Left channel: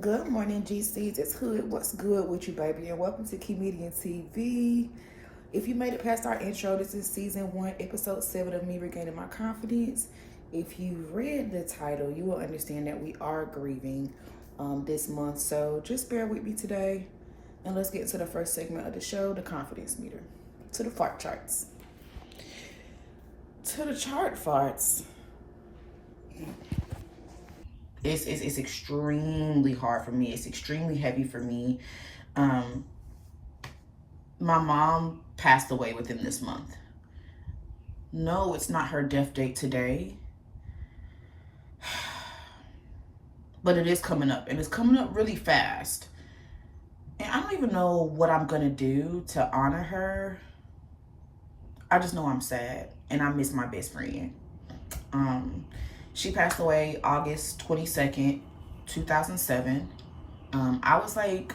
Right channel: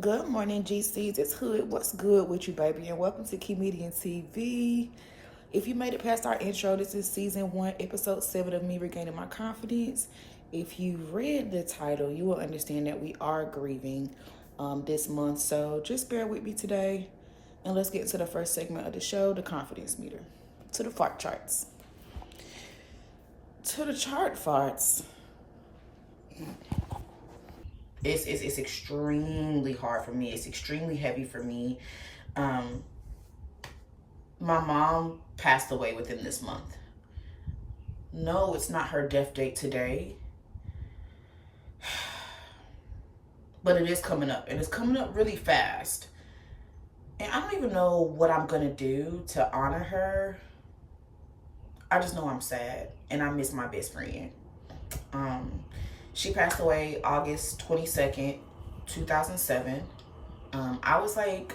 Good morning, GCs. It's Hood. What's good with you, baby? And welcome to Comedian TV. If you made it past our intro, this is season 1, episode 7 of me regaining my confidence. If you read the title, you will understand that we are grieving this month. So just bear with me today, and let's get into the first segment of the show, the confidence meter. To the fart charts. To the chart farts. It's extremely hard for me. It's extremely heavy for me. My mom passed away within this month. No, it's not her death date today, but it is coming up, and it's coming up really fast. And I don't even know what I'm gonna do to honor her. I just know I'm sad, and I miss my best friend. She passed away August 22nd, 2007. I was like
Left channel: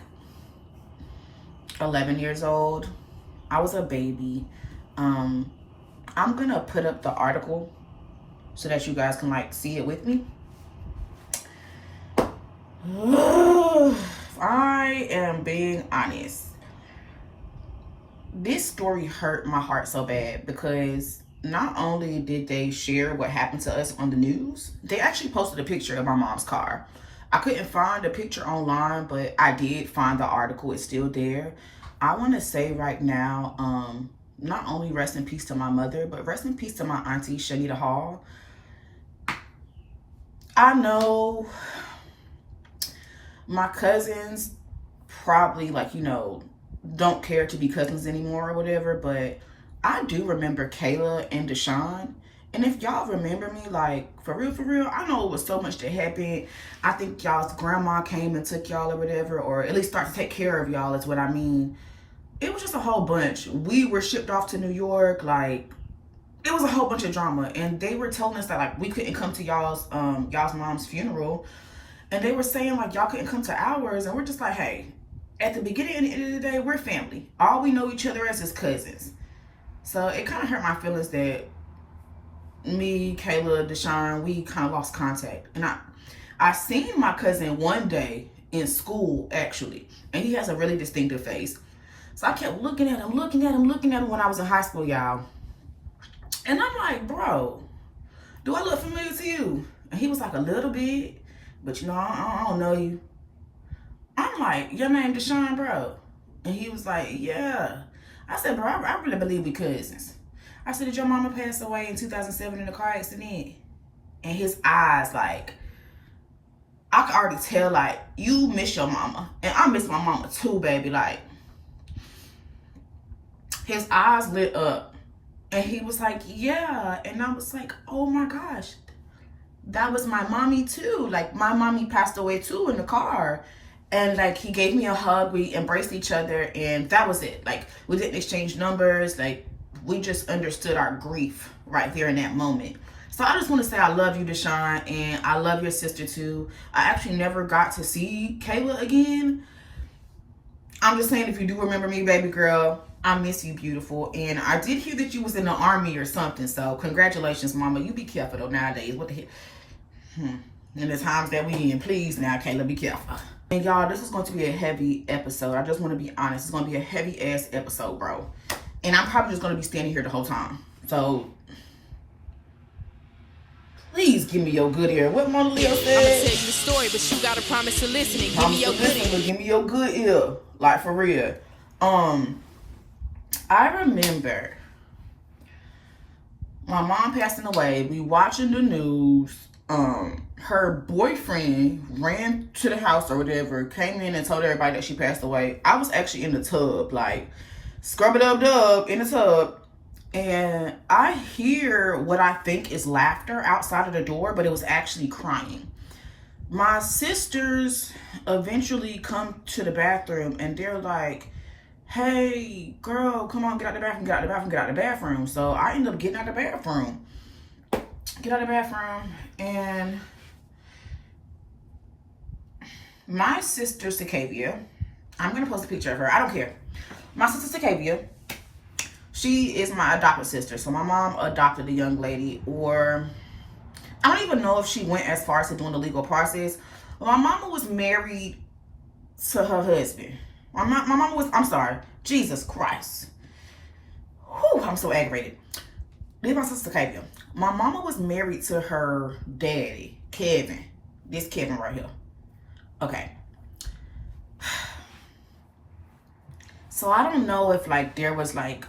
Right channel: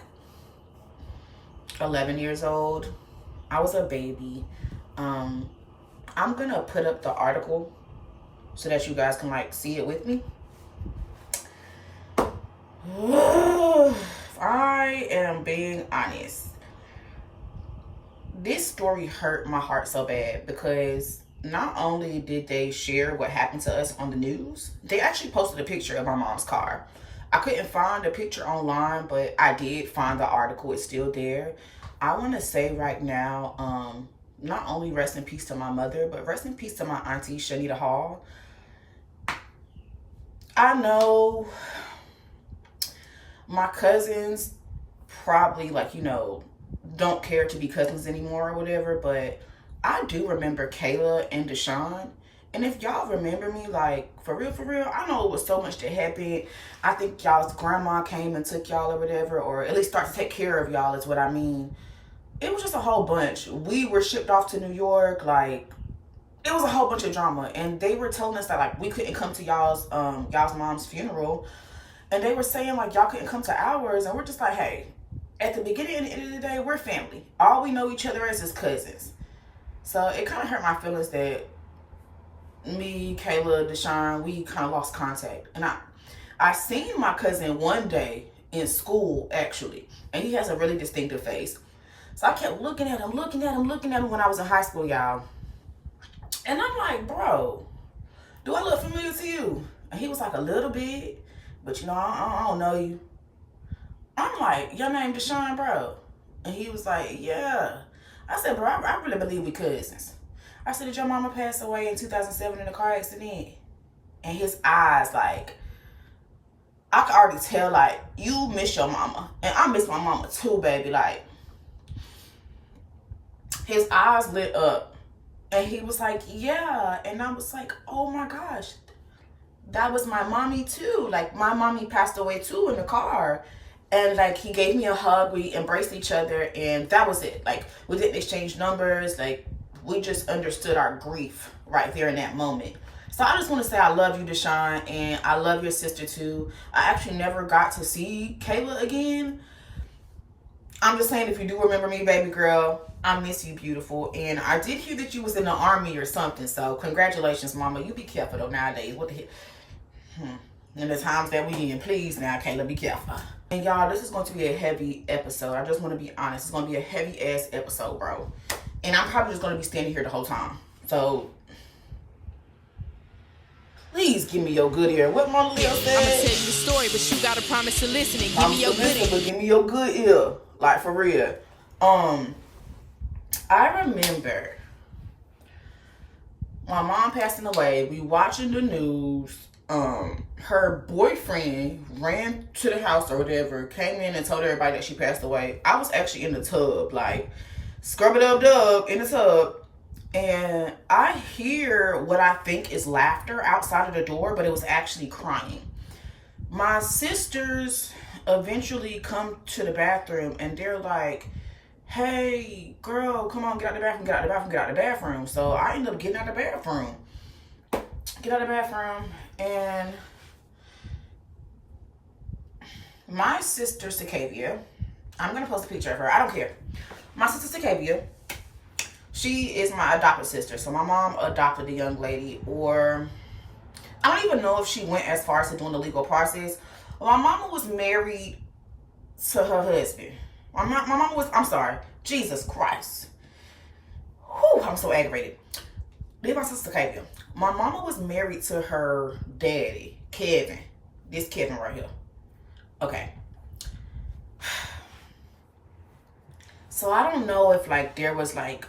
11 years old. I was a baby. I'm gonna put up the article so that you guys can like see it with me. If I am being honest, this story hurt my heart so bad because not only did they share what happened to us on the news, they actually posted a picture of my mom's car. I couldn't find the picture online, but I did find the article. It's still there. I want to say right now, not only rest in peace to my mother, but rest in peace to my auntie, Shanita Hall. I know my cousins probably don't care to be cousins anymore or whatever, but I do remember Kayla and Deshaun. And if y'all remember me, like, for real, I know it was so much that happened. I think y'all's grandma came and took y'all or whatever, or at least start to take care of y'all is what I mean. It was just a whole bunch. We were shipped off to New York, like, it was a whole bunch of drama. And they were telling us that, like, we couldn't come to y'all's mom's funeral. And they were saying, like, y'all couldn't come to ours. And we're just like, hey, at the beginning and the end of the day, we're family. All we know each other as is cousins. So it kind of hurt my feelings that me, Kayla, Deshaun, we kind of lost contact. And I seen my cousin one day in school, actually. And he has a really distinctive face. So I kept looking at him when I was in high school, y'all. And I'm like, bro, do I look familiar to you? And he was like, a little bit. But, I don't know you. I'm like, your name Deshaun, bro? And he was like, yeah. I said, bro, I really believe we cousins. I said, did your mama pass away in 2007 in a car accident? And his eyes, like, I could already tell, like, you miss your mama. And I miss my mama too, baby. Like, his eyes lit up. And he was like, yeah. And I was like, oh my gosh. That was my mommy too. Like, my mommy passed away too in the car. And, like, he gave me a hug. We embraced each other. And that was it. Like, we didn't exchange numbers. Like, we just understood our grief right there in that moment. So I just want to say I love you, Deshaun. And I love your sister, too. I actually never got to see Kayla again. I'm just saying, if you do remember me, baby girl, I miss you, beautiful. And I did hear that you was in the army or something. So, congratulations, mama. You be careful, though, nowadays. What the hell? And the times that we in, please now, Kayla, be careful. And y'all, this is going to be a heavy episode. I just want to be honest. It's going to be a heavy ass episode, bro. And I'm probably just going to be standing here the whole time. So, please give me your good ear. What Mona Leo said? I'm going to tell you the story, but you got to promise to listen and give me your good ear. Give me your good ear. Like, for real. I remember my mom passing away. We watching the news. Her boyfriend ran to the house or whatever, came in and told everybody that she passed away. I was actually in the tub, like, scrub-a-dub-dub in the tub. And I hear what I think is laughter outside of the door, but it was actually crying. My sisters eventually come to the bathroom and they're like, hey, girl, come on, get out the bathroom, get out the bathroom, get out the bathroom. So I ended up getting out the bathroom. Get out of the bathroom, and my sister Sakavia, I'm gonna post a picture of her. I don't care. My sister Sakavia, she is my adopted sister. So my mom adopted the young lady, or I don't even know if she went as far as to doing the legal process. Well, my mama was married to her husband. My mama was, I'm sorry, Jesus Christ. Whew, I'm so aggravated. Leave my sister Kevin. My mama was married to her daddy, Kevin. This Kevin right here. Okay. So I don't know if like there was like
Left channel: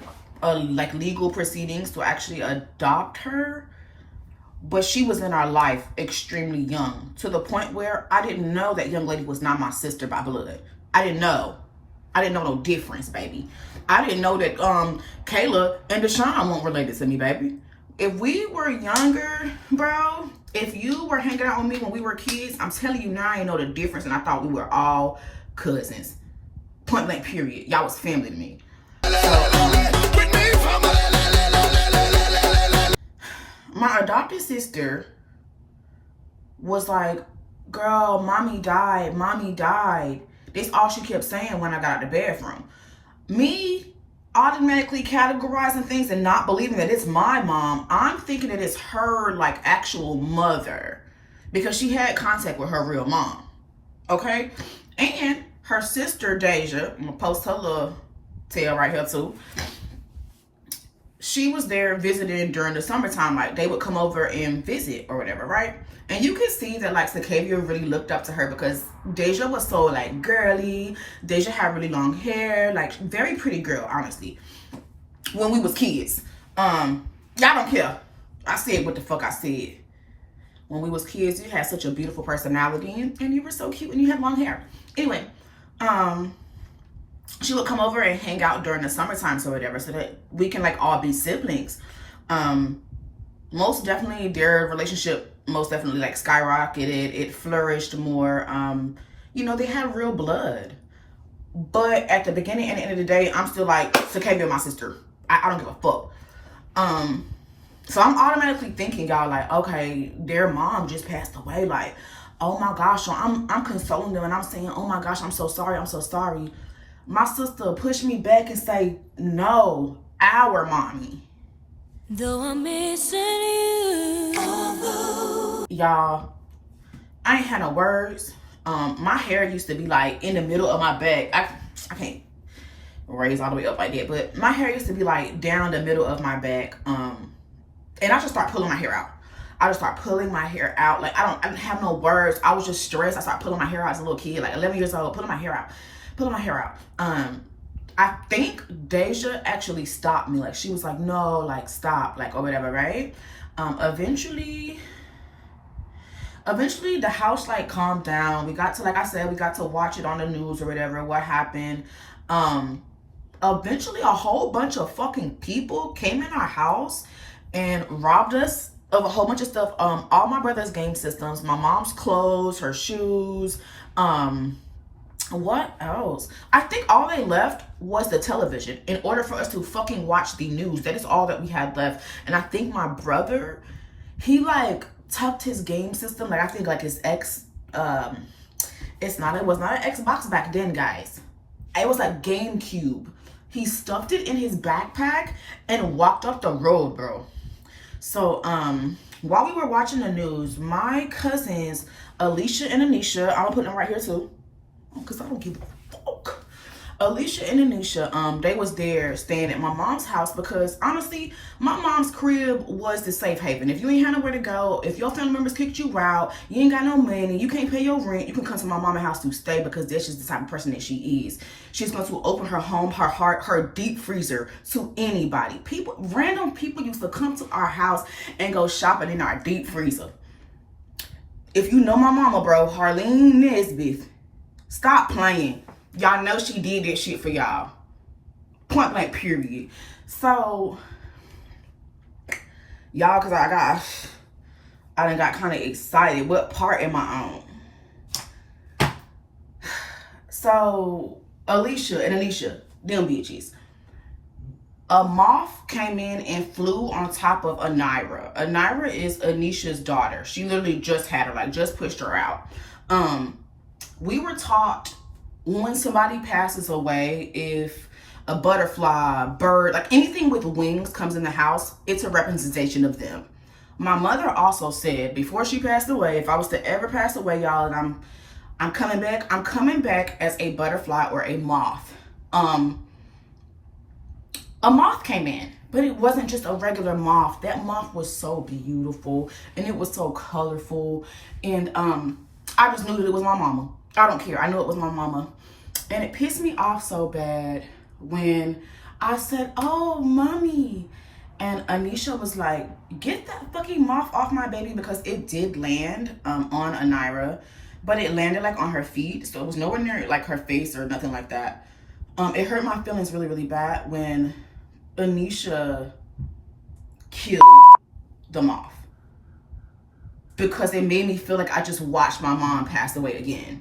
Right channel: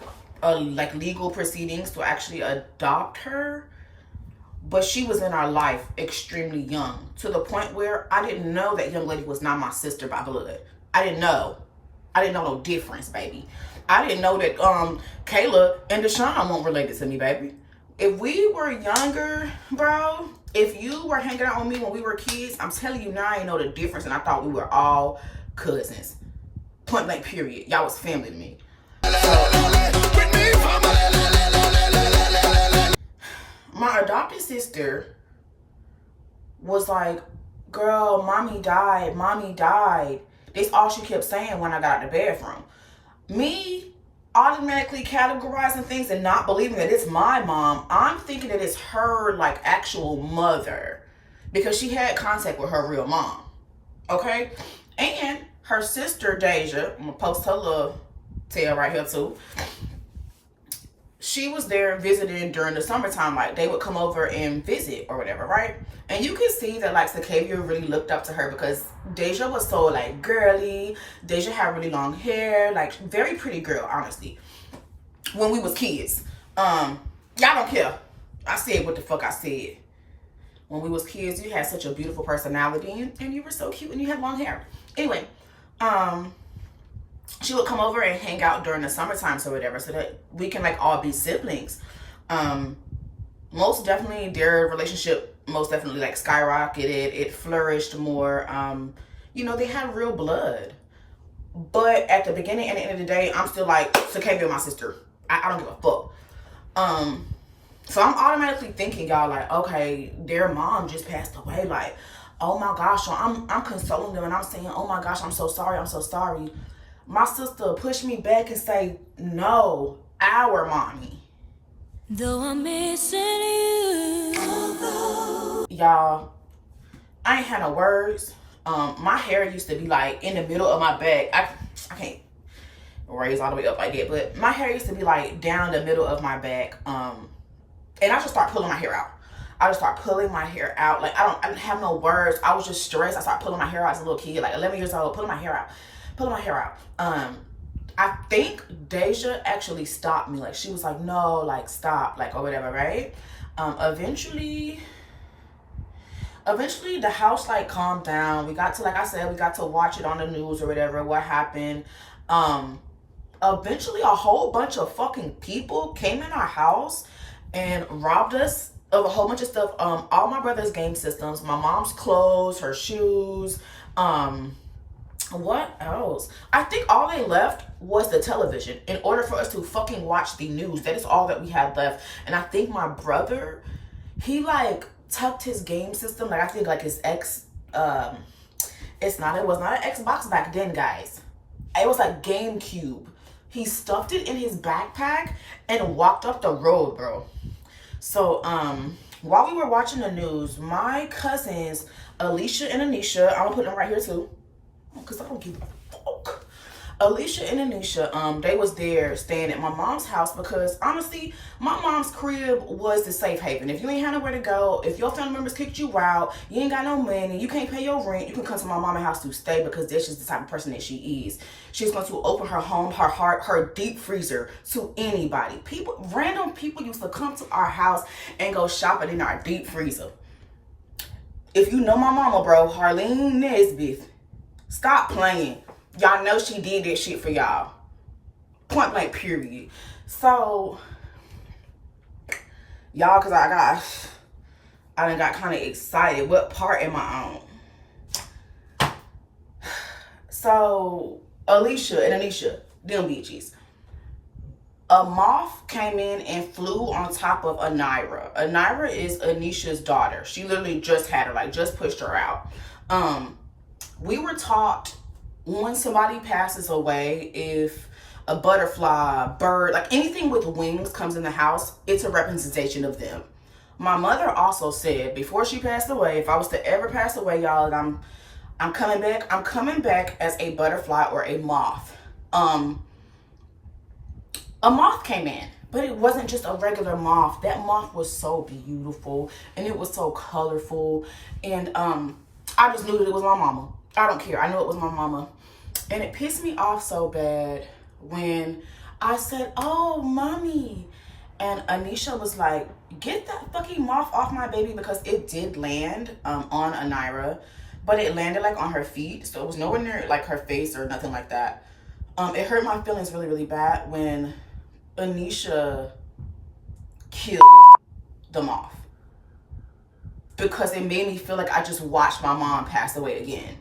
legal proceedings to actually adopt her, but she was in our life extremely young, to the point where I didn't know that young lady was not my sister by blood. I didn't know no difference, baby. I didn't know that Kayla and Deshaun weren't related to me, baby. If we were younger, bro, if you were hanging out with me when we were kids, I'm telling you now, I didn't know the difference, and I thought we were all cousins. Point blank period. Y'all was family to me. My adopted sister was like, girl, mommy died. That's all she kept saying when I got out of the bathroom. Me automatically categorizing things and not believing that it's my mom, I'm thinking that it's her like actual mother, because she had contact with her real mom. Okay? And her sister Deja, I'm gonna post her little tale right here too. She was there visiting during the summertime. Like, they would come over and visit or whatever, right? And you can see that like Sakavia really looked up to her, because Deja was so like girly. Deja had really long hair, like very pretty girl, honestly. When we was kids, y'all don't care. I said what the fuck I said. When we was kids, you had such a beautiful personality, and you were so cute, and you had long hair. Anyway, she would come over and hang out during the summertime or whatever, so that we can like all be siblings. Most definitely their relationship most definitely like skyrocketed. It flourished more. You know, they had real blood. But at the beginning and the end of the day, I'm still like, Sakavia, my sister. I don't give a fuck. So I'm automatically thinking, y'all, like, okay, their mom just passed away. Like, oh my gosh. So I'm consoling them, and I'm saying, oh my gosh, I'm so sorry. My sister pushed me back and say, no, our mommy. Though I'm missing you. Y'all, I ain't had no words. My hair used to be like in the middle of my back. I can't raise all the way up like that, but my hair used to be like down the middle of my back. And I just start pulling my hair out. Like, I didn't have no words. I was just stressed. I started pulling my hair out as a little kid, like 11 years old, pulling my hair out. I think Deja actually stopped me. Like, she was like, no, like, stop, like, or whatever, right? Eventually the house like calmed down. We got to, like I said, we got to watch it on the news or whatever, what happened. Eventually a whole bunch of fucking people came in our house and robbed us of a whole bunch of stuff. All my brother's game systems, my mom's clothes, her shoes, what else? I think all they left was the television in order for us to fucking watch the news. That is all that we had left. And I think my brother, he like tucked his game system, like I think like his it was not an Xbox back then, guys. It was like GameCube. He stuffed it in his backpack and walked up the road, bro. So while we were watching the news, my cousins Alicia and Anisha, I'm gonna put them right here too, because I don't give a fuck. Alicia and Anisha, they was there staying at my mom's house, because honestly, my mom's crib was the safe haven. If you ain't had nowhere to go, if your family members kicked you out, you ain't got no money, you can't pay your rent, you can come to my mama's house to stay, because that's just the type of person that she is. She's going to open her home, her heart, her deep freezer to anybody. Random people used to come to our house and go shopping in our deep freezer. If you know my mama, bro, Harlene Nesbitt, stop playing. Y'all know she did that shit for y'all. Point blank period. So, y'all, because I done got kind of excited. What part am I on? So, Alicia and Anisha, them bitches. A moth came in and flew on top of Anira. Anira is Anisha's daughter. She literally just had her, like just pushed her out. We were taught when somebody passes away, if a butterfly, bird, like anything with wings comes in the house, it's a representation of them. My mother also said before she passed away, if I was to ever pass away, y'all, and I'm coming back as a butterfly or a moth. A moth came in, but it wasn't just a regular moth. That moth was so beautiful and it was so colorful, and I just knew that it was my mama. I don't care. I knew it was my mama. And it pissed me off so bad when I said, "Oh, mommy." And Anisha was like, "Get that fucking moth off my baby," because it did land on Anira, but it landed like on her feet. So it was nowhere near like her face or nothing like that. It hurt my feelings really, really bad when Anisha killed the moth, because it made me feel like I just watched my mom pass away again.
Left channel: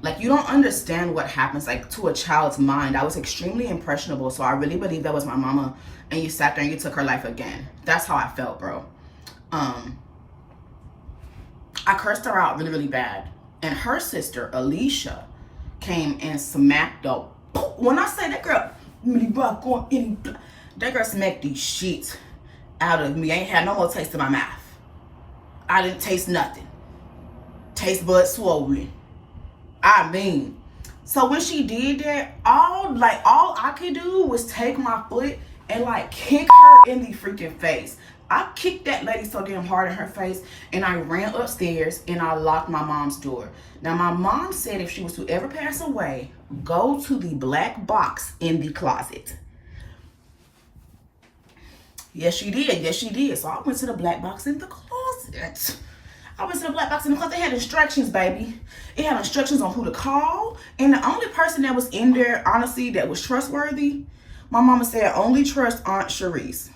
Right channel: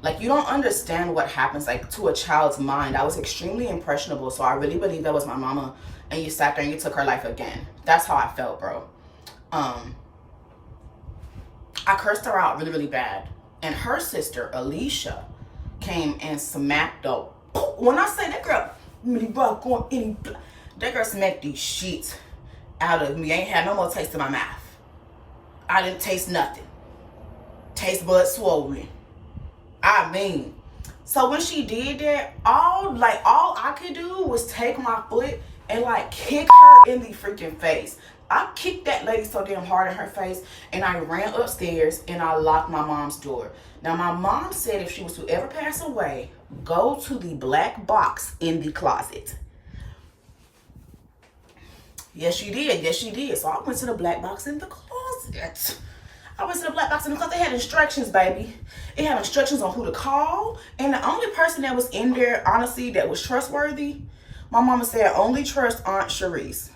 Like, you don't understand what happens like to a child's mind. I was extremely impressionable, so I really believe that was my mama, and you sat there and you took her life again. That's how I felt, bro. I cursed her out really, really bad, and her sister Alicia came and smacked the, when I say that girl, that girl smacked these sheets out of me. I ain't had no more taste in my mouth. I didn't taste nothing. Taste buds swollen. I mean, so when she did that, all I could do was take my foot and like kick her in the freaking face. I kicked that lady so damn hard in her face, and I ran upstairs and I locked my mom's door. Now, my mom said if she was to ever pass away, go to the black box in the closet. Yes, she did. Yes, she did. So I went to the black box in the closet. They had instructions, baby. It had instructions on who to call. And the only person that was in there, honestly, that was trustworthy, my mama said, only trust Aunt Sharice.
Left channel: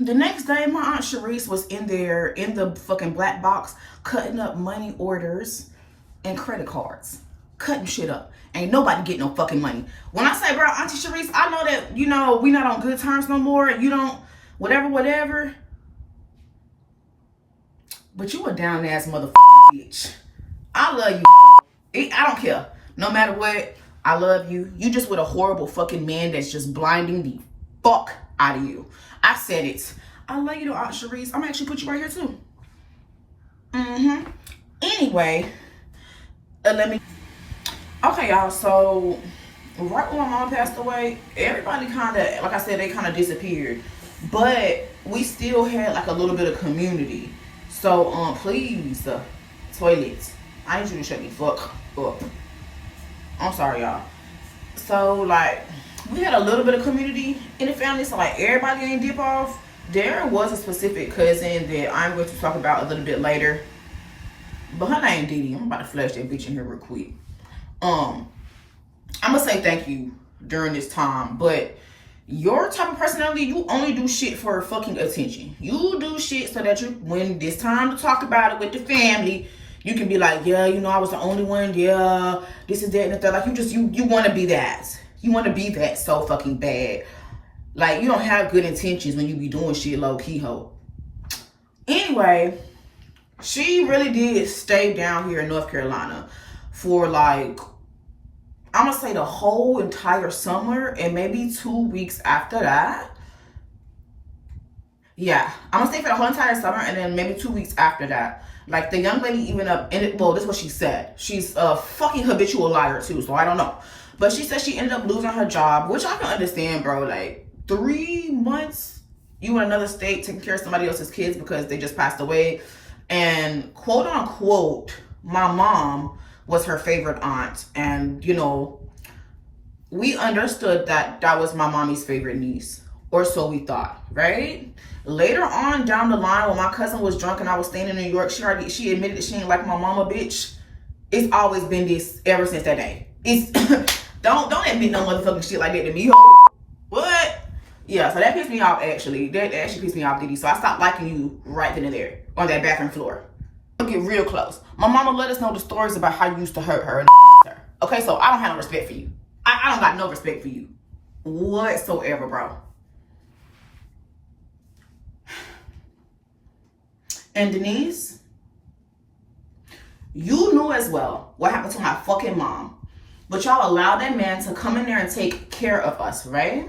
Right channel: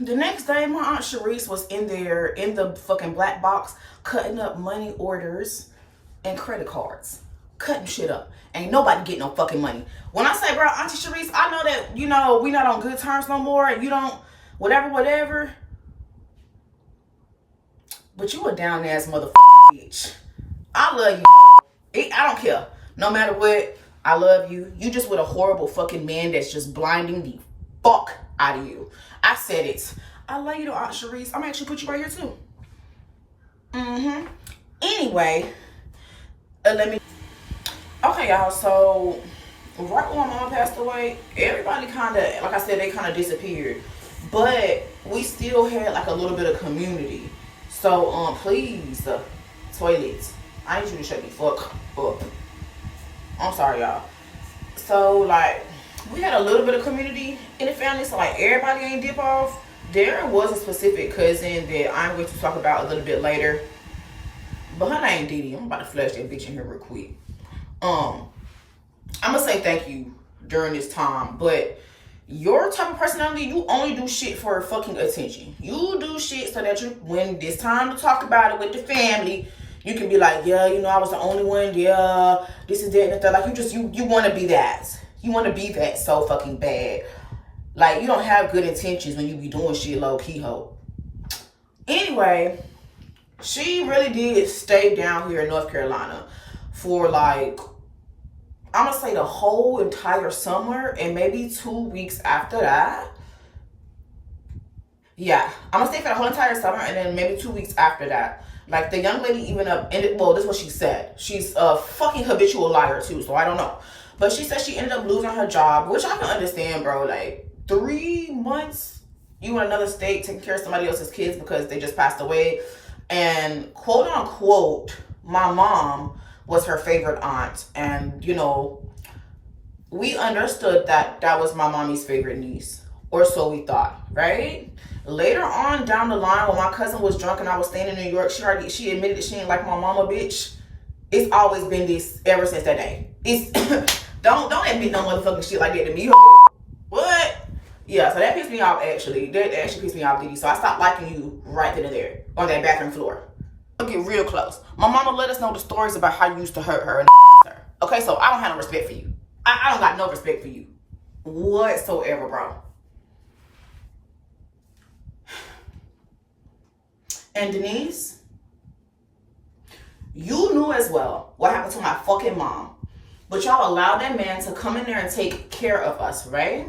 The next day, my Aunt Sharice was in there in the fucking black box cutting up money orders and credit cards. Cutting shit up. Ain't nobody getting no fucking money. When I say, bro, Auntie Sharice, I know that, you know, we not on good terms no more. You don't, whatever. But you a down ass motherfucking bitch. I love you. I don't care. No matter what, I love you. You just with a horrible fucking man that's just blinding the fuck out of you. I said it. I love you though, Aunt Sharice. I'm gonna actually put you right here too. Anyway, okay, y'all. So right when my mom passed away, everybody kind of, like I said, they kind of disappeared. But we still had like a little bit of community. So, please, toilets, I need you to shut the fuck up. I'm sorry, y'all. So, like, we had a little bit of community in the family, so, like, everybody ain't dip off. There was a specific cousin that I'm going to talk about a little bit later. But her name Dee Dee. I'm about to flash that bitch in here real quick. I'm going to say thank you during this time, but your type of personality, you only do shit for fucking attention. You do shit so that you, when it's time to talk about it with the family, you can be like, yeah, you know, I was the only one, yeah, this and that and that. Like, you want to be that. You want to be that so fucking bad. Like, you don't have good intentions when you be doing shit low-key, ho. Anyway, she really did stay down here in North Carolina for like, I'm gonna say the whole entire summer, and maybe 2 weeks after that. Yeah, I'm gonna stay for the whole entire summer, and then maybe 2 weeks after that. Like, the young lady even well, this is what she said. She's a fucking habitual liar too, so I don't know. But she said she ended up losing her job, which I can understand, bro. Like, 3 months, you in another state taking care of somebody else's kids because they just passed away. And quote unquote, my mom was her favorite aunt, and you know, we understood that that was my mommy's favorite niece, or so we thought, right? Later on down the line, when my cousin was drunk and I was staying in New York, she admitted that she didn't like my mama, bitch. It's always been this ever since that day. It's don't admit no motherfucking shit like that to me. What? Yeah, so that pissed me off actually. That actually pissed me off, Diddy. So I stopped liking you right then and there on that bathroom floor. Get real close. My mama let us know the stories about how you used to hurt her and her. Okay, so I don't have no respect for you. I don't got no respect for you whatsoever, bro. And Denise, you knew as well what happened to my fucking mom. But y'all allowed that man to come in there and take care of us, right?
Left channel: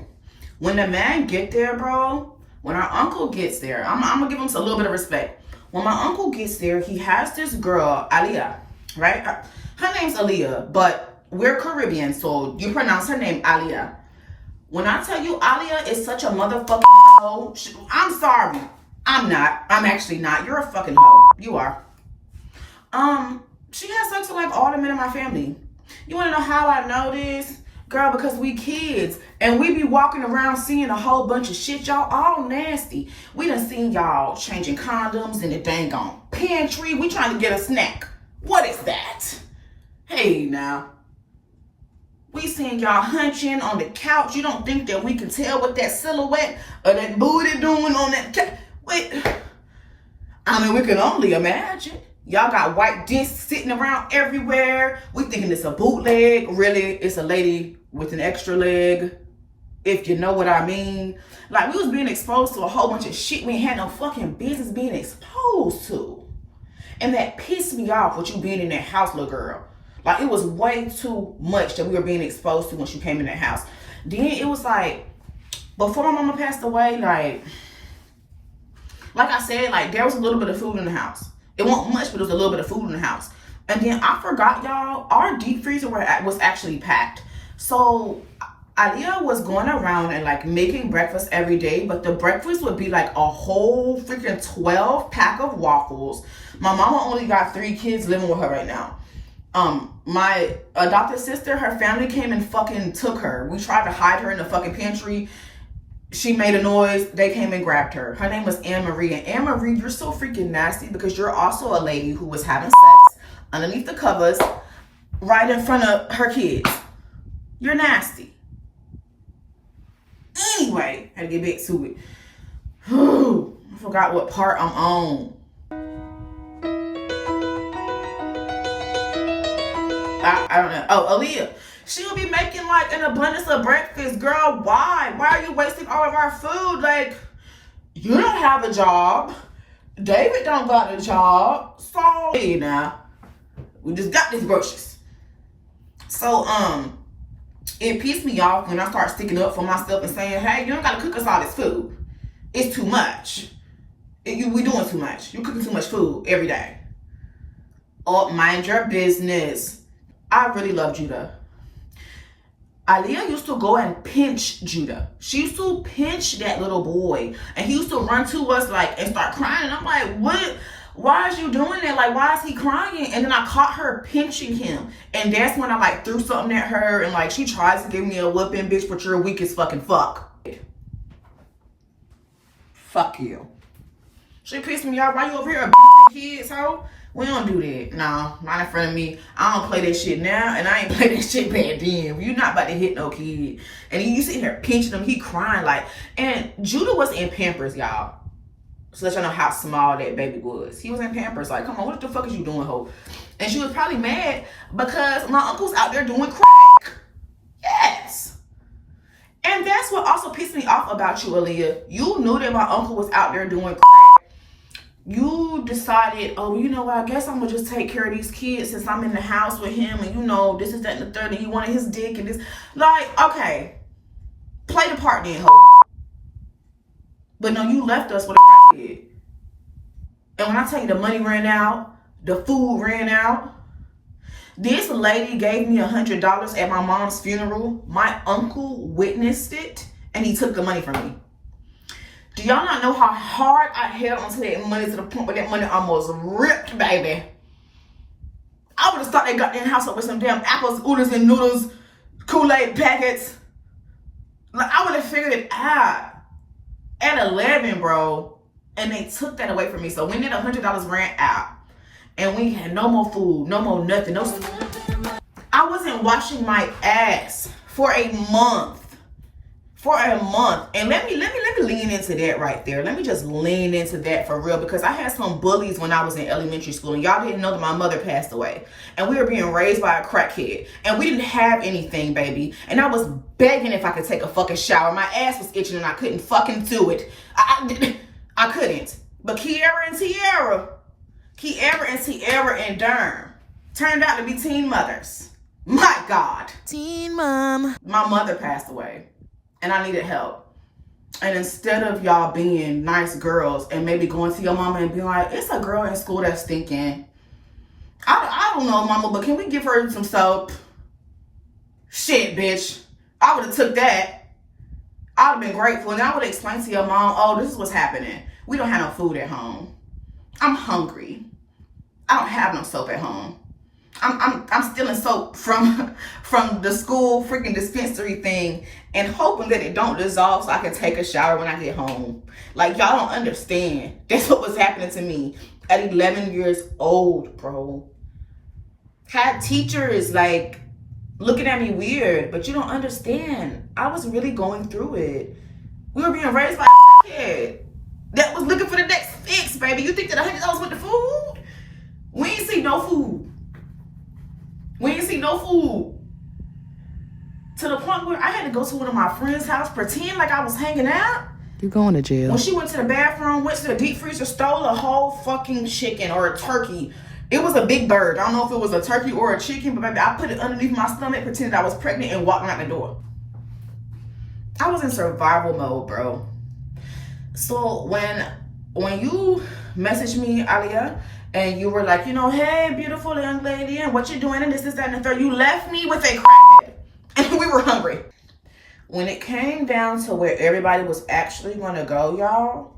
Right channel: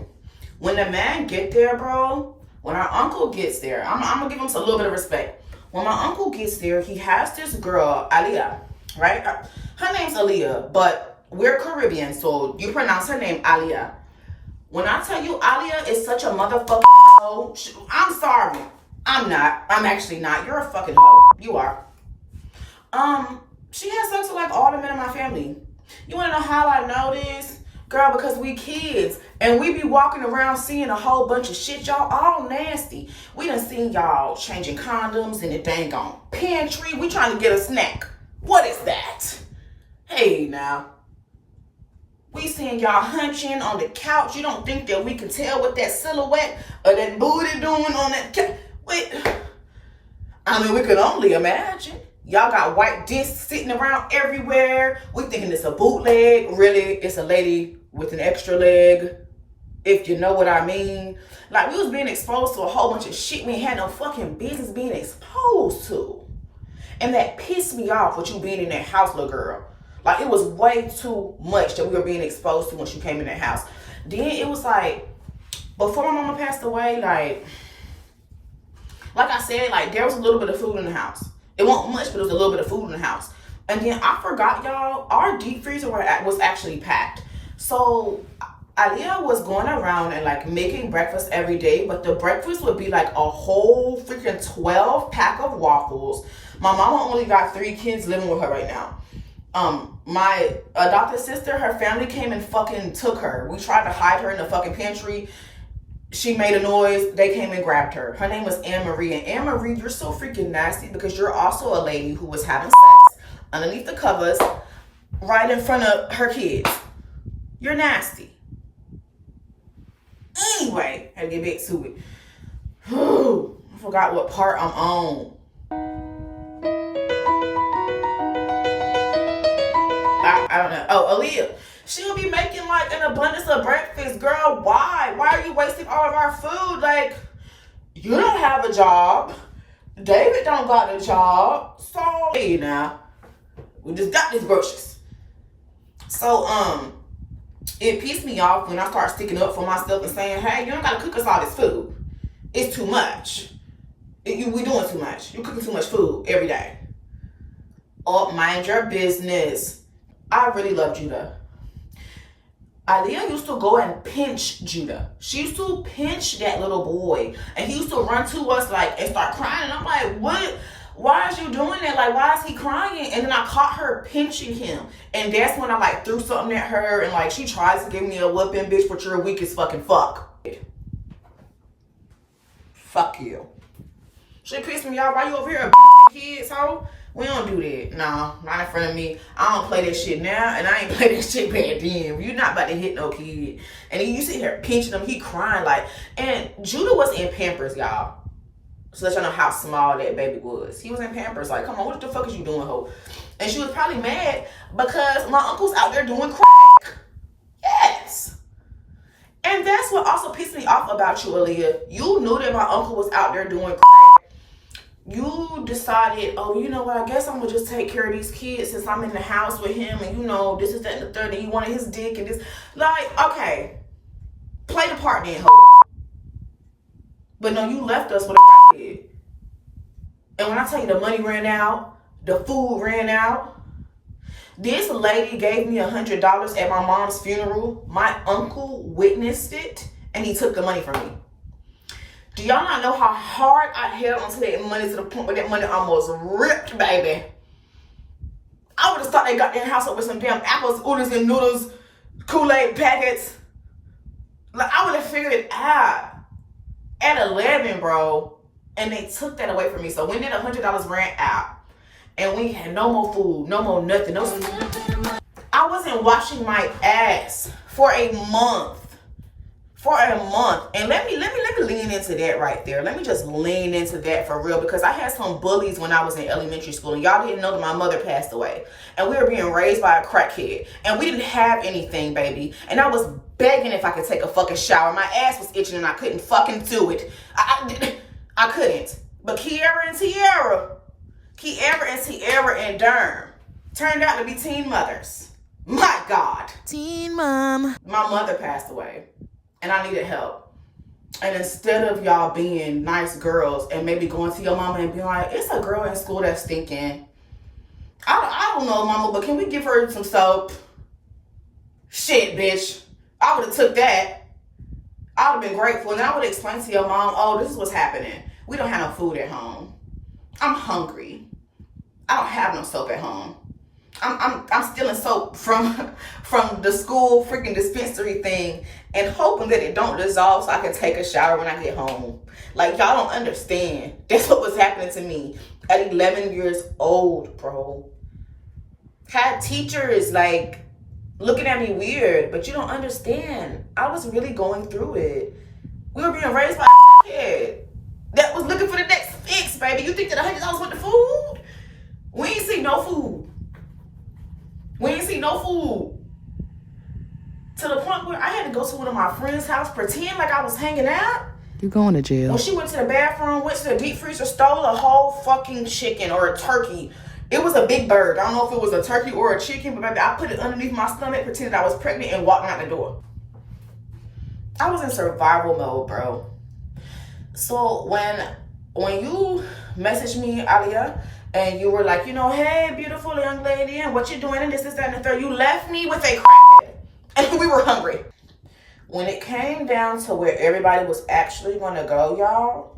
When the man get there, bro, When our uncle gets there, I'm gonna give him a little bit of respect. When my uncle gets there, he has this girl, Aliyah, right? Her name's Aliyah, but we're Caribbean, so you pronounce her name Aliyah. When I tell you Aliyah is such a motherfucking hoe, I'm sorry. I'm not. I'm actually not. You're a fucking hoe. You are. She has sex with like all the men in my family. You wanna know how I know this? Girl, because we kids and we be walking around seeing a whole bunch of shit, y'all, all nasty. We done seen y'all changing condoms in the dang on pantry. We trying to get a snack. What is that? Hey now. We seen y'all hunching on the couch. You don't think that we can tell what that silhouette or that booty doing on that couch? Wait. I mean, we can only imagine. Y'all got white discs sitting around everywhere. We thinking it's a bootleg. Really, it's a lady with an extra leg. If you know what I mean. Like, we was being exposed to a whole bunch of shit we ain't had no fucking business being exposed to. And that pissed me off with you being in that house, little girl. Like, it was way too much that we were being exposed to once you came in that house. Then it was like, before my mama passed away, like I said, like, there was a little bit of food in the house. It wasn't much, but it was a little bit of food in the house. And then I forgot, y'all, our deep freezer was actually packed. So Aliyah was going around and like making breakfast every day, but the breakfast would be like a whole freaking 12 pack of waffles. My mama only got 3 kids living with her right now. My adopted sister, her family came and fucking took her. We tried to hide her in the fucking pantry. She made a noise. They came and grabbed her. Her name was Anne Marie. And Anne Marie, you're so freaking nasty because you're also a lady who was having sex underneath the covers right in front of her kids. You're nasty. Anyway, I get back to it. I forgot what part I'm on. I don't know. Oh, Aliyah. She'll be making like an abundance of breakfast. Girl, why? Why are you wasting all of our food? Like, you don't have a job. David don't got a job. So, hey now, we just got these groceries. So, it pissed me off when I start sticking up for myself and saying, hey, you don't gotta cook us all this food. It's too much. We doing too much. You cooking too much food every day. Oh, mind your business. I really love Judah. Aliyah used to go and pinch Judah. She used to pinch that little boy. And he used to run to us like and start crying. And I'm like, what? Why is you doing that? Like, why is he crying? And then I caught her pinching him. And that's when I like threw something at her. And like, she tries to give me a whooping, bitch, but you're weak as fucking fuck. Fuck you. She pissed me off. Why you over here abusing kids, ho? We don't do that. No, not in front of me. I don't play that shit now, and I ain't play that shit back then. You're not about to hit no kid. And then you sit here pinching him, he crying like, and Judah was in Pampers, y'all. So let y'all know how small that baby was. He was in Pampers, like, come on, what the fuck is you doing, ho? And she was probably mad because my uncle's out there doing crack. Yes. And that's what also pissed me off about you, Aliyah. You knew that my uncle was out there doing crack. You decided, oh, you know what, I guess I'm gonna just take care of these kids since I'm in the house with him, and you know, this is that and the third, and you wanted his dick and this. Like, okay, play the part then, ho. But no, you left us with a kid. And when I tell you the money ran out, the food ran out, this lady gave me $100 at my mom's funeral. My uncle witnessed it, and he took the money from me. Do y'all not know how hard I held onto that money to the point where that money almost ripped, baby? I would have thought they got their house up with some damn apples, oodles, and noodles, Kool-Aid packets. Like, I would have figured it out at 11, bro. And they took that away from me. So when did $100 ran out? And we had no more food, no more nothing. No. I wasn't washing my ass for a month. And let me lean into that right there. Let me just lean into that for real, because I had some bullies when I was in elementary school, and y'all didn't know that my mother passed away, and we were being raised by a crackhead, and we didn't have anything, baby, and I was begging if I could take a fucking shower. My ass was itching and I couldn't fucking do it. I couldn't. But Kiara and Tierra and Durham turned out to be teen mothers. My God. Teen mom. My mother passed away. And I needed help. And instead of y'all being nice girls and maybe going to your mama and being like, it's a girl in school that's thinking, I don't know, mama, but can we give her some soap? Shit, bitch. I would have took that. I would have been grateful. And I would explain to your mom, oh, this is what's happening. We don't have no food at home. I'm hungry. I don't have no soap at home. I'm stealing soap from the school freaking dispensary thing and hoping that it don't dissolve so I can take a shower when I get home. Like, y'all don't understand. That's what was happening to me at 11 years old, bro. Had teachers like looking at me weird, but you don't understand. I was really going through it. We were being raised by a kid that was looking for the next fix, baby. You think that $100 with the food? We ain't see no food. We ain't see no food. To the point where I had to go to one of my friends' house, pretend like I was hanging out. You going to jail. When she went to the bathroom, went to the deep freezer, stole a whole fucking chicken or a turkey. It was a big bird. I don't know if it was a turkey or a chicken, but baby, I put it underneath my stomach, pretended I was pregnant, and walked out the door. I was in survival mode, bro. So when you messaged me, Aliyah, and you were like, you know, hey, beautiful young lady, and what you doing, and this, that, and the third, you left me with a crackhead, and we were hungry. When it came down to where everybody was actually going to go, y'all,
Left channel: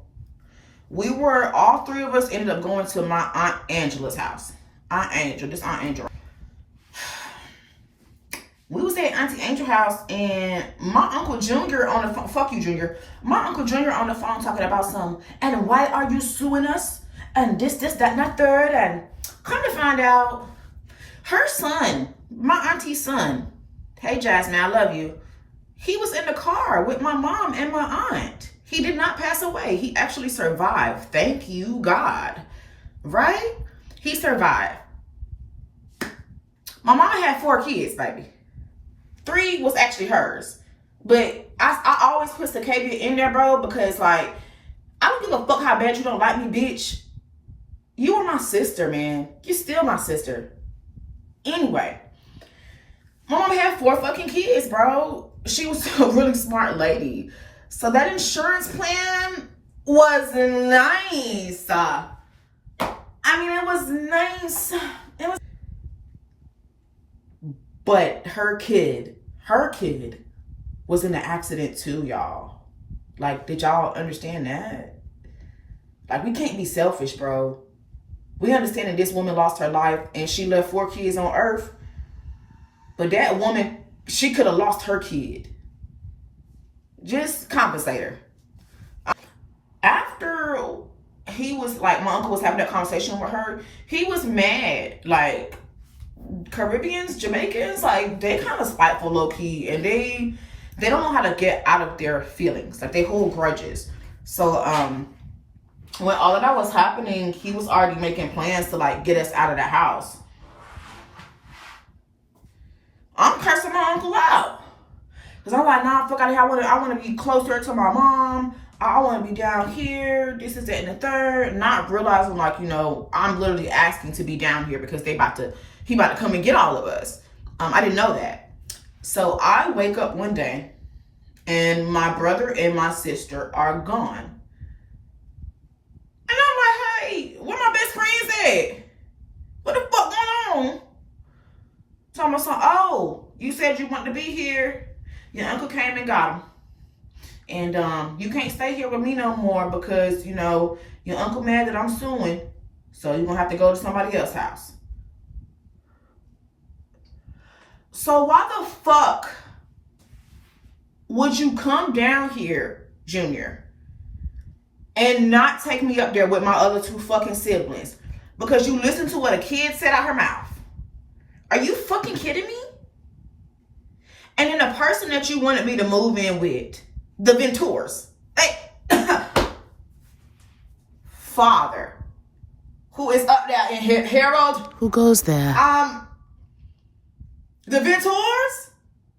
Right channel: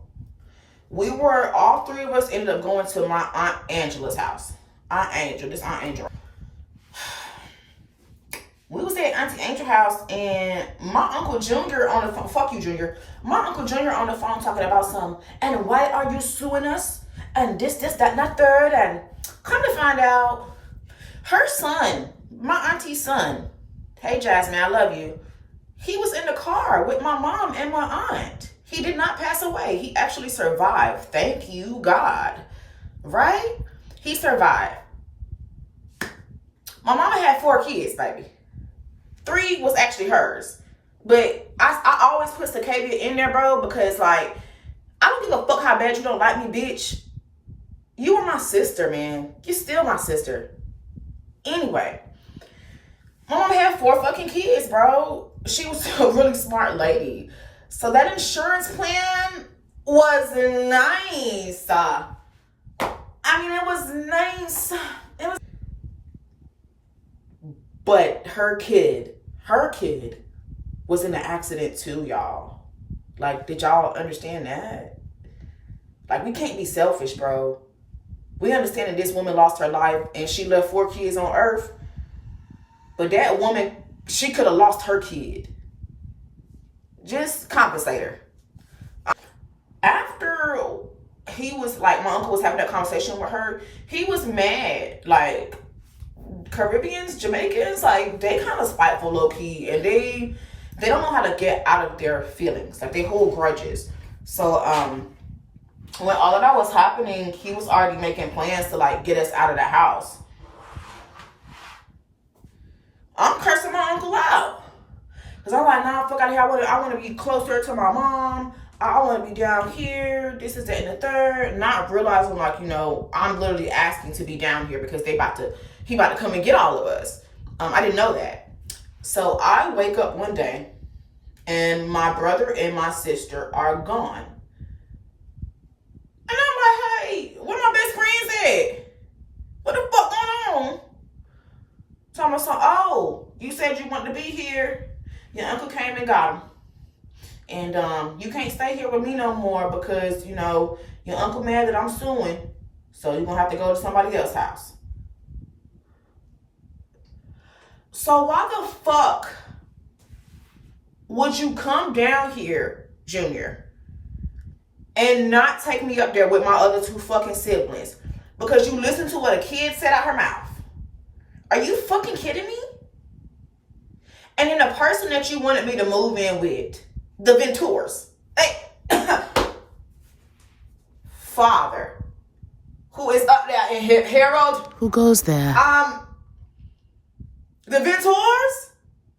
all three of us ended up going to my Aunt Angela's house. Aunt Angel. We was at Auntie Angel's house, and my Uncle Junior on the phone, fuck you, Junior. My Uncle Junior on the phone talking about some, and why are you suing us? And this, that, and that third. And come to find out, her son, my auntie's son, hey, Jasmine, I love you. He was in the car with my mom and my aunt. He did not pass away. He actually survived. Thank you, God. Right? He survived. My mama had 4 kids, baby. 3 was actually hers. But I always put the caveat in there, bro, because, like, I don't give a fuck how bad you don't like me, bitch. You are my sister, man. You're still my sister. Anyway, my mama had 4 fucking kids, bro. She was a really smart lady. So that insurance plan was nice. I mean, it was nice. But her kid was in an accident too, y'all. Like, did y'all understand that? Like, we can't be selfish, bro. We understand that this woman lost her life and she left 4 kids on earth. But that woman, she could have lost her kid. Just compensate her. After he was like, my uncle was having that conversation with her, he was mad. Like, Caribbeans, Jamaicans, like, they kind of spiteful low key, and they don't know how to get out of their feelings. Like, they hold grudges. So when all of that was happening, he was already making plans to, like, get us out of the house. I'm cursing my uncle out. Because I'm like, nah, fuck out of here. I want to be closer to my mom. I want to be down here. This is that and the third. Not realizing, like, you know, I'm literally asking to be down here because he about to come and get all of us. I didn't know that. So I wake up one day and my brother and my sister are gone. And I'm like, hey, where my best friends at? What the fuck going on? So I'm like, oh, you said you wanted to be here. Your uncle came and got him. And you can't stay here with me no more because, you know, your uncle mad that I'm suing. So you're going to have to go to somebody else's house. So why the fuck would you come down here, Junior, and not take me up there with my other 2 fucking siblings? Because you listened to what a kid said out her mouth. Are you fucking kidding me? And then the person that you wanted me to move in with, the Ventures, father, who is up there in Harold. Who goes there? The Ventures?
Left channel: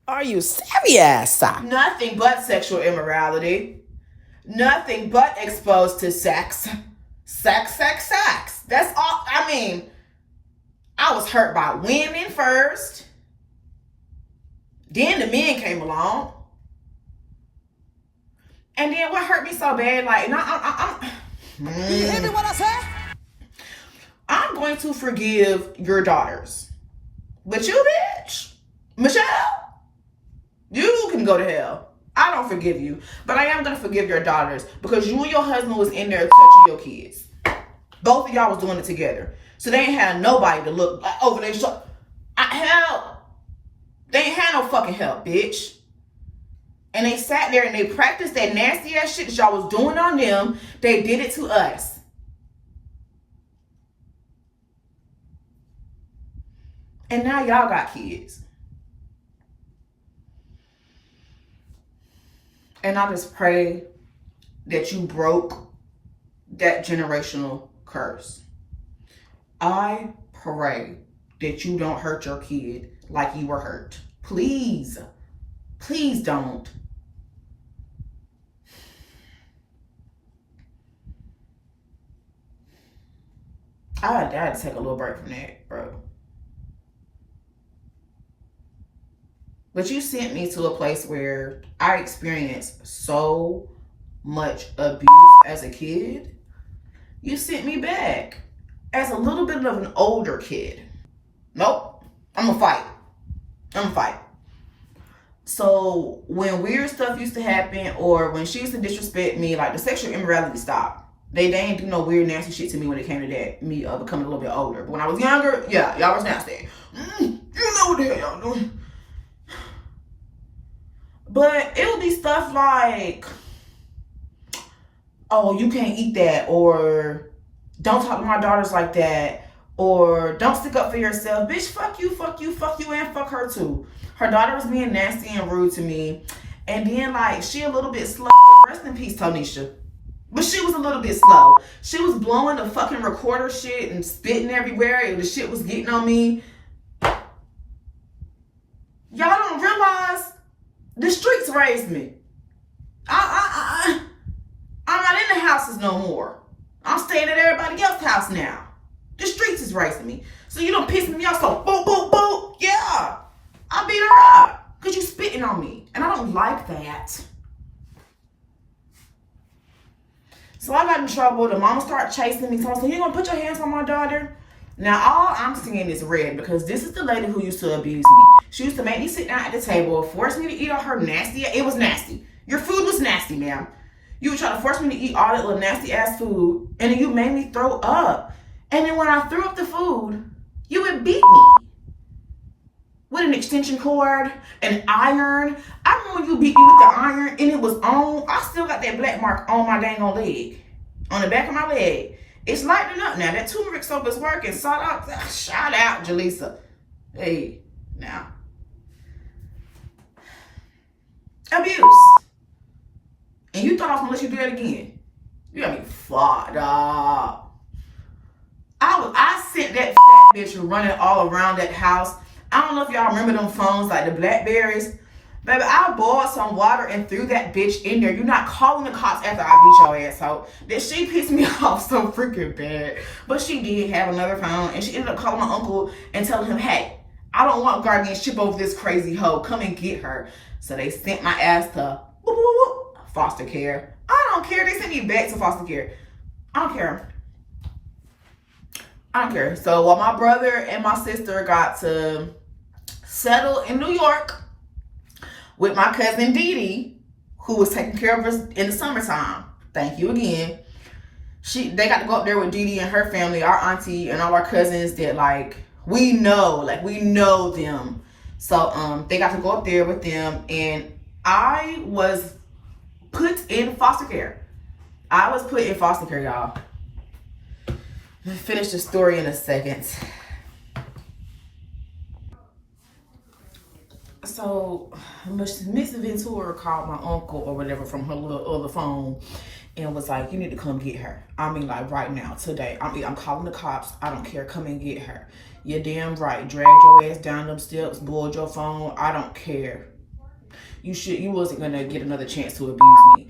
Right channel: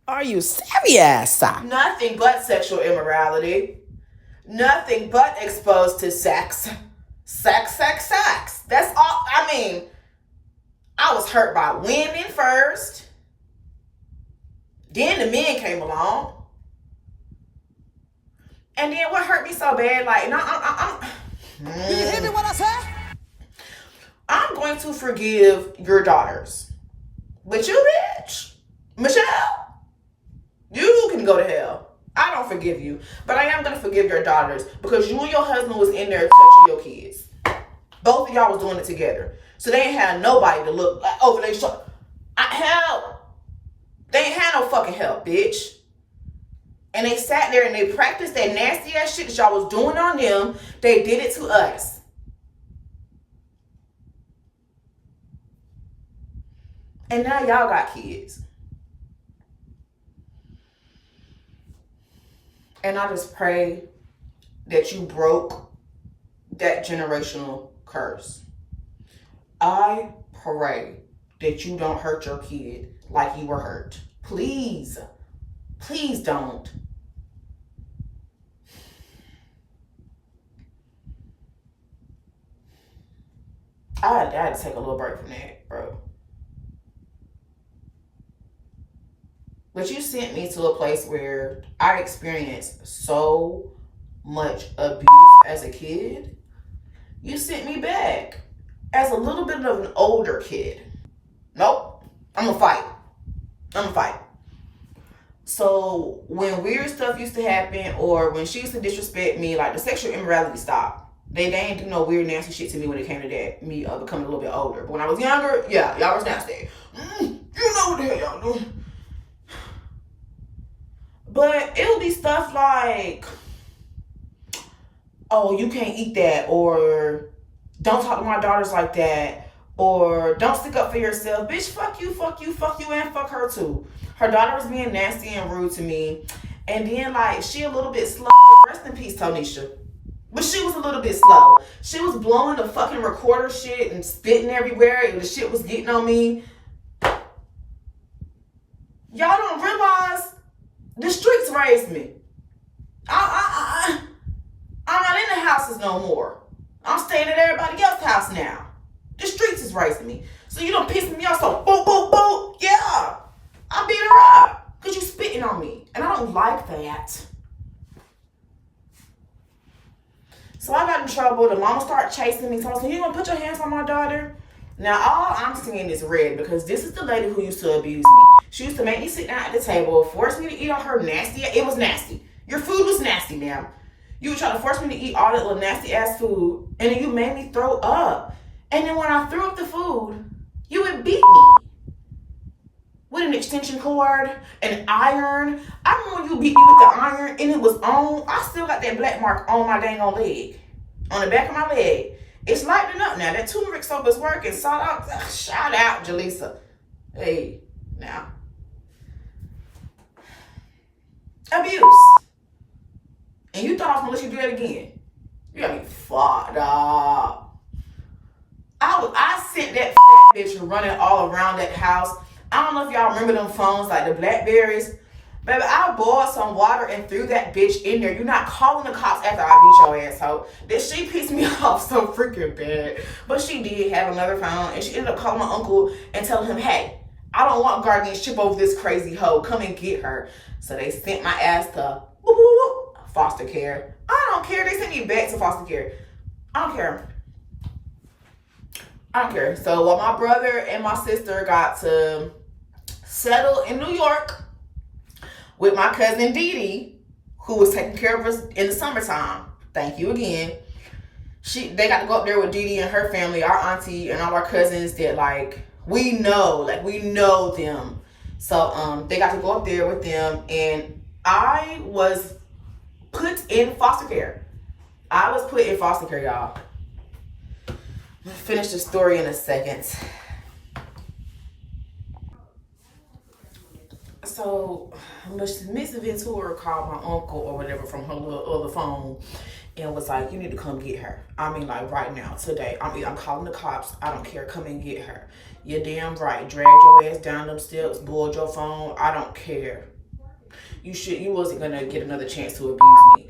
Are you serious? Nothing but sexual immorality. Nothing but exposed to sex. Sex. That's all. I mean, I was hurt by women first. Then the men came along. And then what hurt me so bad, like, and Do you hear me what I say? I'm going to forgive your daughters. But you, bitch, Michelle, you can go to hell. I don't forgive you. But I am going to forgive your daughters because you and your husband was in there touching your kids. Both of y'all was doing it together. So they ain't had nobody to look over their shoulder. Hell, they ain't had no fucking help, bitch. And they sat there and they practiced that nasty ass shit that y'all was doing on them. They did it to us. And now y'all got kids. And I just pray that you broke that generational curse. I pray that you don't hurt your kid like you were hurt. Please. Please don't. I had to take a little break from that, bro. But you sent me to a place where I experienced so much abuse as a kid. You sent me back as a little bit of an older kid. Nope. I'm gonna fight. So when weird stuff used to happen or when she used to disrespect me, like the sexual immorality stopped. They didn't do no weird nasty shit to me when it came to that, me becoming a little bit older. But when I was younger, yeah, y'all was nasty. You know what the hell y'all doing. But it would be stuff like, oh, you can't eat that, or don't talk to my daughters like that, or don't stick up for yourself. Bitch, fuck you, and fuck her too. Her daughter was being nasty and rude to me. And then, like, she a little bit slow. Rest in peace, Tonisha. But she was a little bit slow. She was blowing the fucking recorder shit and spitting everywhere, and the shit was getting on me. Y'all don't realize the streets raised me. I'm not in the houses no more. I'm staying at everybody else's house now. The streets is raising me. So you don't piss me off so boom, boom, boom. Yeah. I beat her up because you spitting on me. And I don't like that. So I got in trouble. The mama started chasing me. So you gonna put your hands on my daughter? Now all I'm seeing is red because this is the lady who used to abuse me. She used to make me sit down at the table, force me to eat all her nasty. It was nasty. Your food was nasty, ma'am. You would try to force me to eat all that little nasty ass food, and then you made me throw up. And then when I threw up the food, you would beat me with an extension cord, an iron. I remember when you beat me with the iron and it was on. I still got that black mark on my dang on leg, on the back of my leg. It's lightening up now. That turmeric soap is working. Shout out, Jaleesa. Hey, now. Abuse. And you thought I was gonna let you do that again. You got me fucked up. I sent that bitch running all around that house. I don't know if y'all remember them phones, like the Blackberries. Baby, I boiled some water and threw that bitch in there. You're not calling the cops after I beat your asshole. That she pissed me off so freaking bad. But she did have another phone, and she ended up calling my uncle and telling him, hey, I don't want guardianship over this crazy hoe. Come and get her. So they sent my ass to foster care. I don't care. They sent me back to foster care. I don't care. So while my brother and my sister got to settle in New York with my cousin Dee Dee, who was taking care of us in the summertime. Thank you again. They got to go up there with Dee Dee and her family, our auntie and all our cousins that we know them. So they got to go up there with them, and I was put in foster care. Y'all. I'll finish the story in a second. So Miss Ventura called my uncle or whatever from her little other phone and was like, you need to come get her. I mean, like right now, today. I'm calling the cops. I don't care. Come and get her. You're damn right. Drag your ass down them steps, board your phone. I don't care. You wasn't gonna get another chance to abuse me.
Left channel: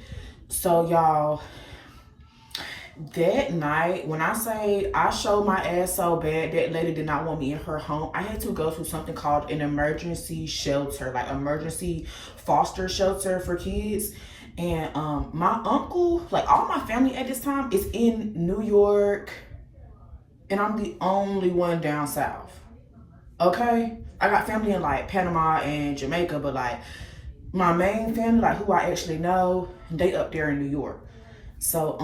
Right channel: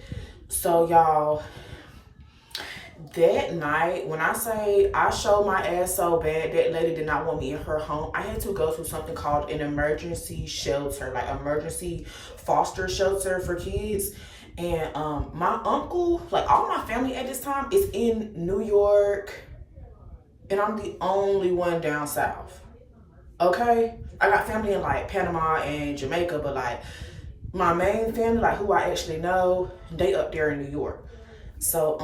So y'all, that night, when I say I showed my ass so bad, that lady did not want me in her home. I had to go to something called an emergency shelter, like emergency foster shelter for kids. And my uncle, like all my family at this time is in New York, and I'm the only one down south. Okay? I got family in like Panama and Jamaica, but like my main family, like who I actually know, they up there in New York. So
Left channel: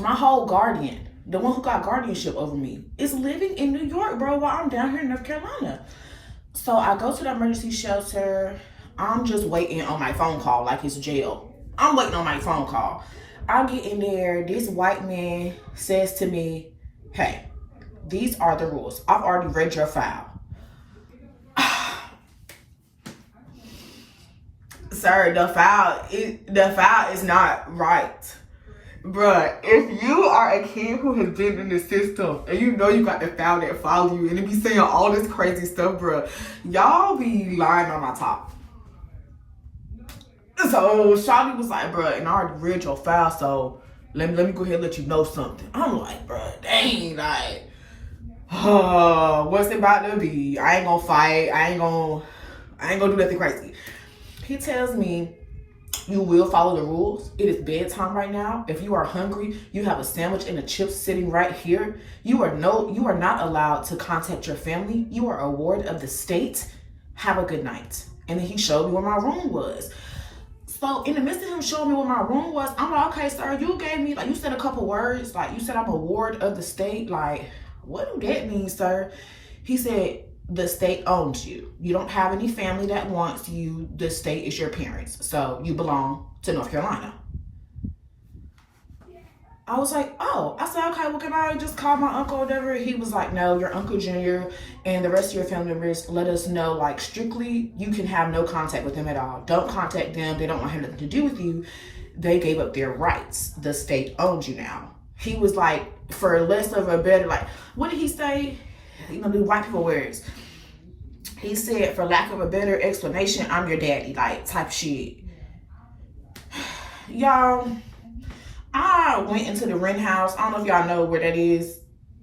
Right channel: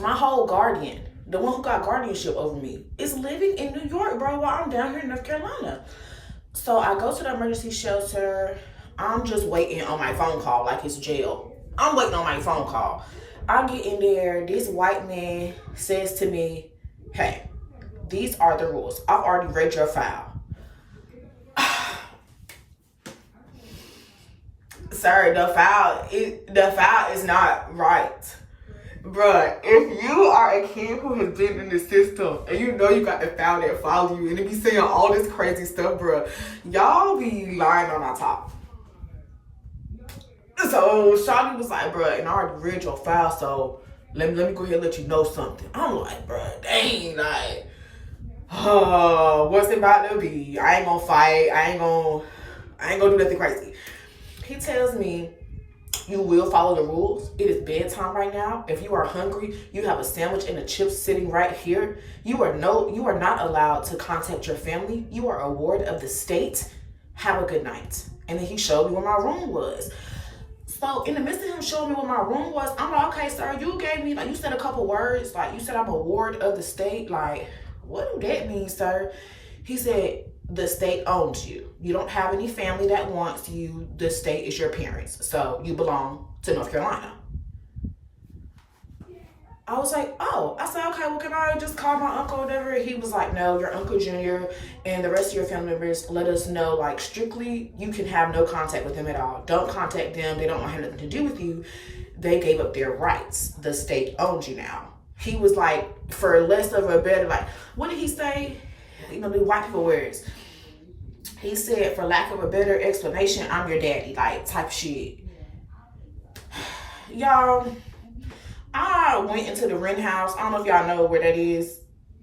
my whole guardian, the one who got guardianship over me, is living in New York, bro, while I'm down here in North Carolina. So I go to the emergency shelter. I'm just waiting on my phone call like it's jail. I'm waiting on my phone call. I get in there. This white man says to me, hey, these are the rules. I've already read your file. Sir, the file is not right. Bruh, if you are a kid who has been in the system and you know you got the file that follow you and it be saying all this crazy stuff, bruh, y'all be lying on my top. So Shawty was like, bruh, and I already read your file, so let me go ahead and let you know something. I'm like, bruh, dang, like, what's it about to be? I ain't gonna fight. I ain't gonna do nothing crazy. He tells me, you will follow the rules. It is bedtime right now. If you are hungry, you have a sandwich and a chip sitting right here. You are not allowed to contact your family. You are a ward of the state. Have a good night. And then he showed me where my room was. So in the midst of him showing me where my room was, I'm like, okay, sir, you gave me, like, you said a couple words. Like, you said I'm a ward of the state. Like, what do that mean, sir? He said, the state owns you. You don't have any family that wants you. The state is your parents. So you belong to North Carolina. I was like, oh. I said, okay, well, can I just call my uncle or whatever? He was like, no, your Uncle Junior and the rest of your family members let us know, like, strictly, you can have no contact with them at all. Don't contact them. They don't want nothing to do with you. They gave up their rights. The state owns you now. He was like, for less of a better, like, what did he say? You know, the white people words. He said, for lack of a better explanation, I'm your daddy, like, type shit. Y'all, I went into the Wren House. I don't know if y'all know where that is.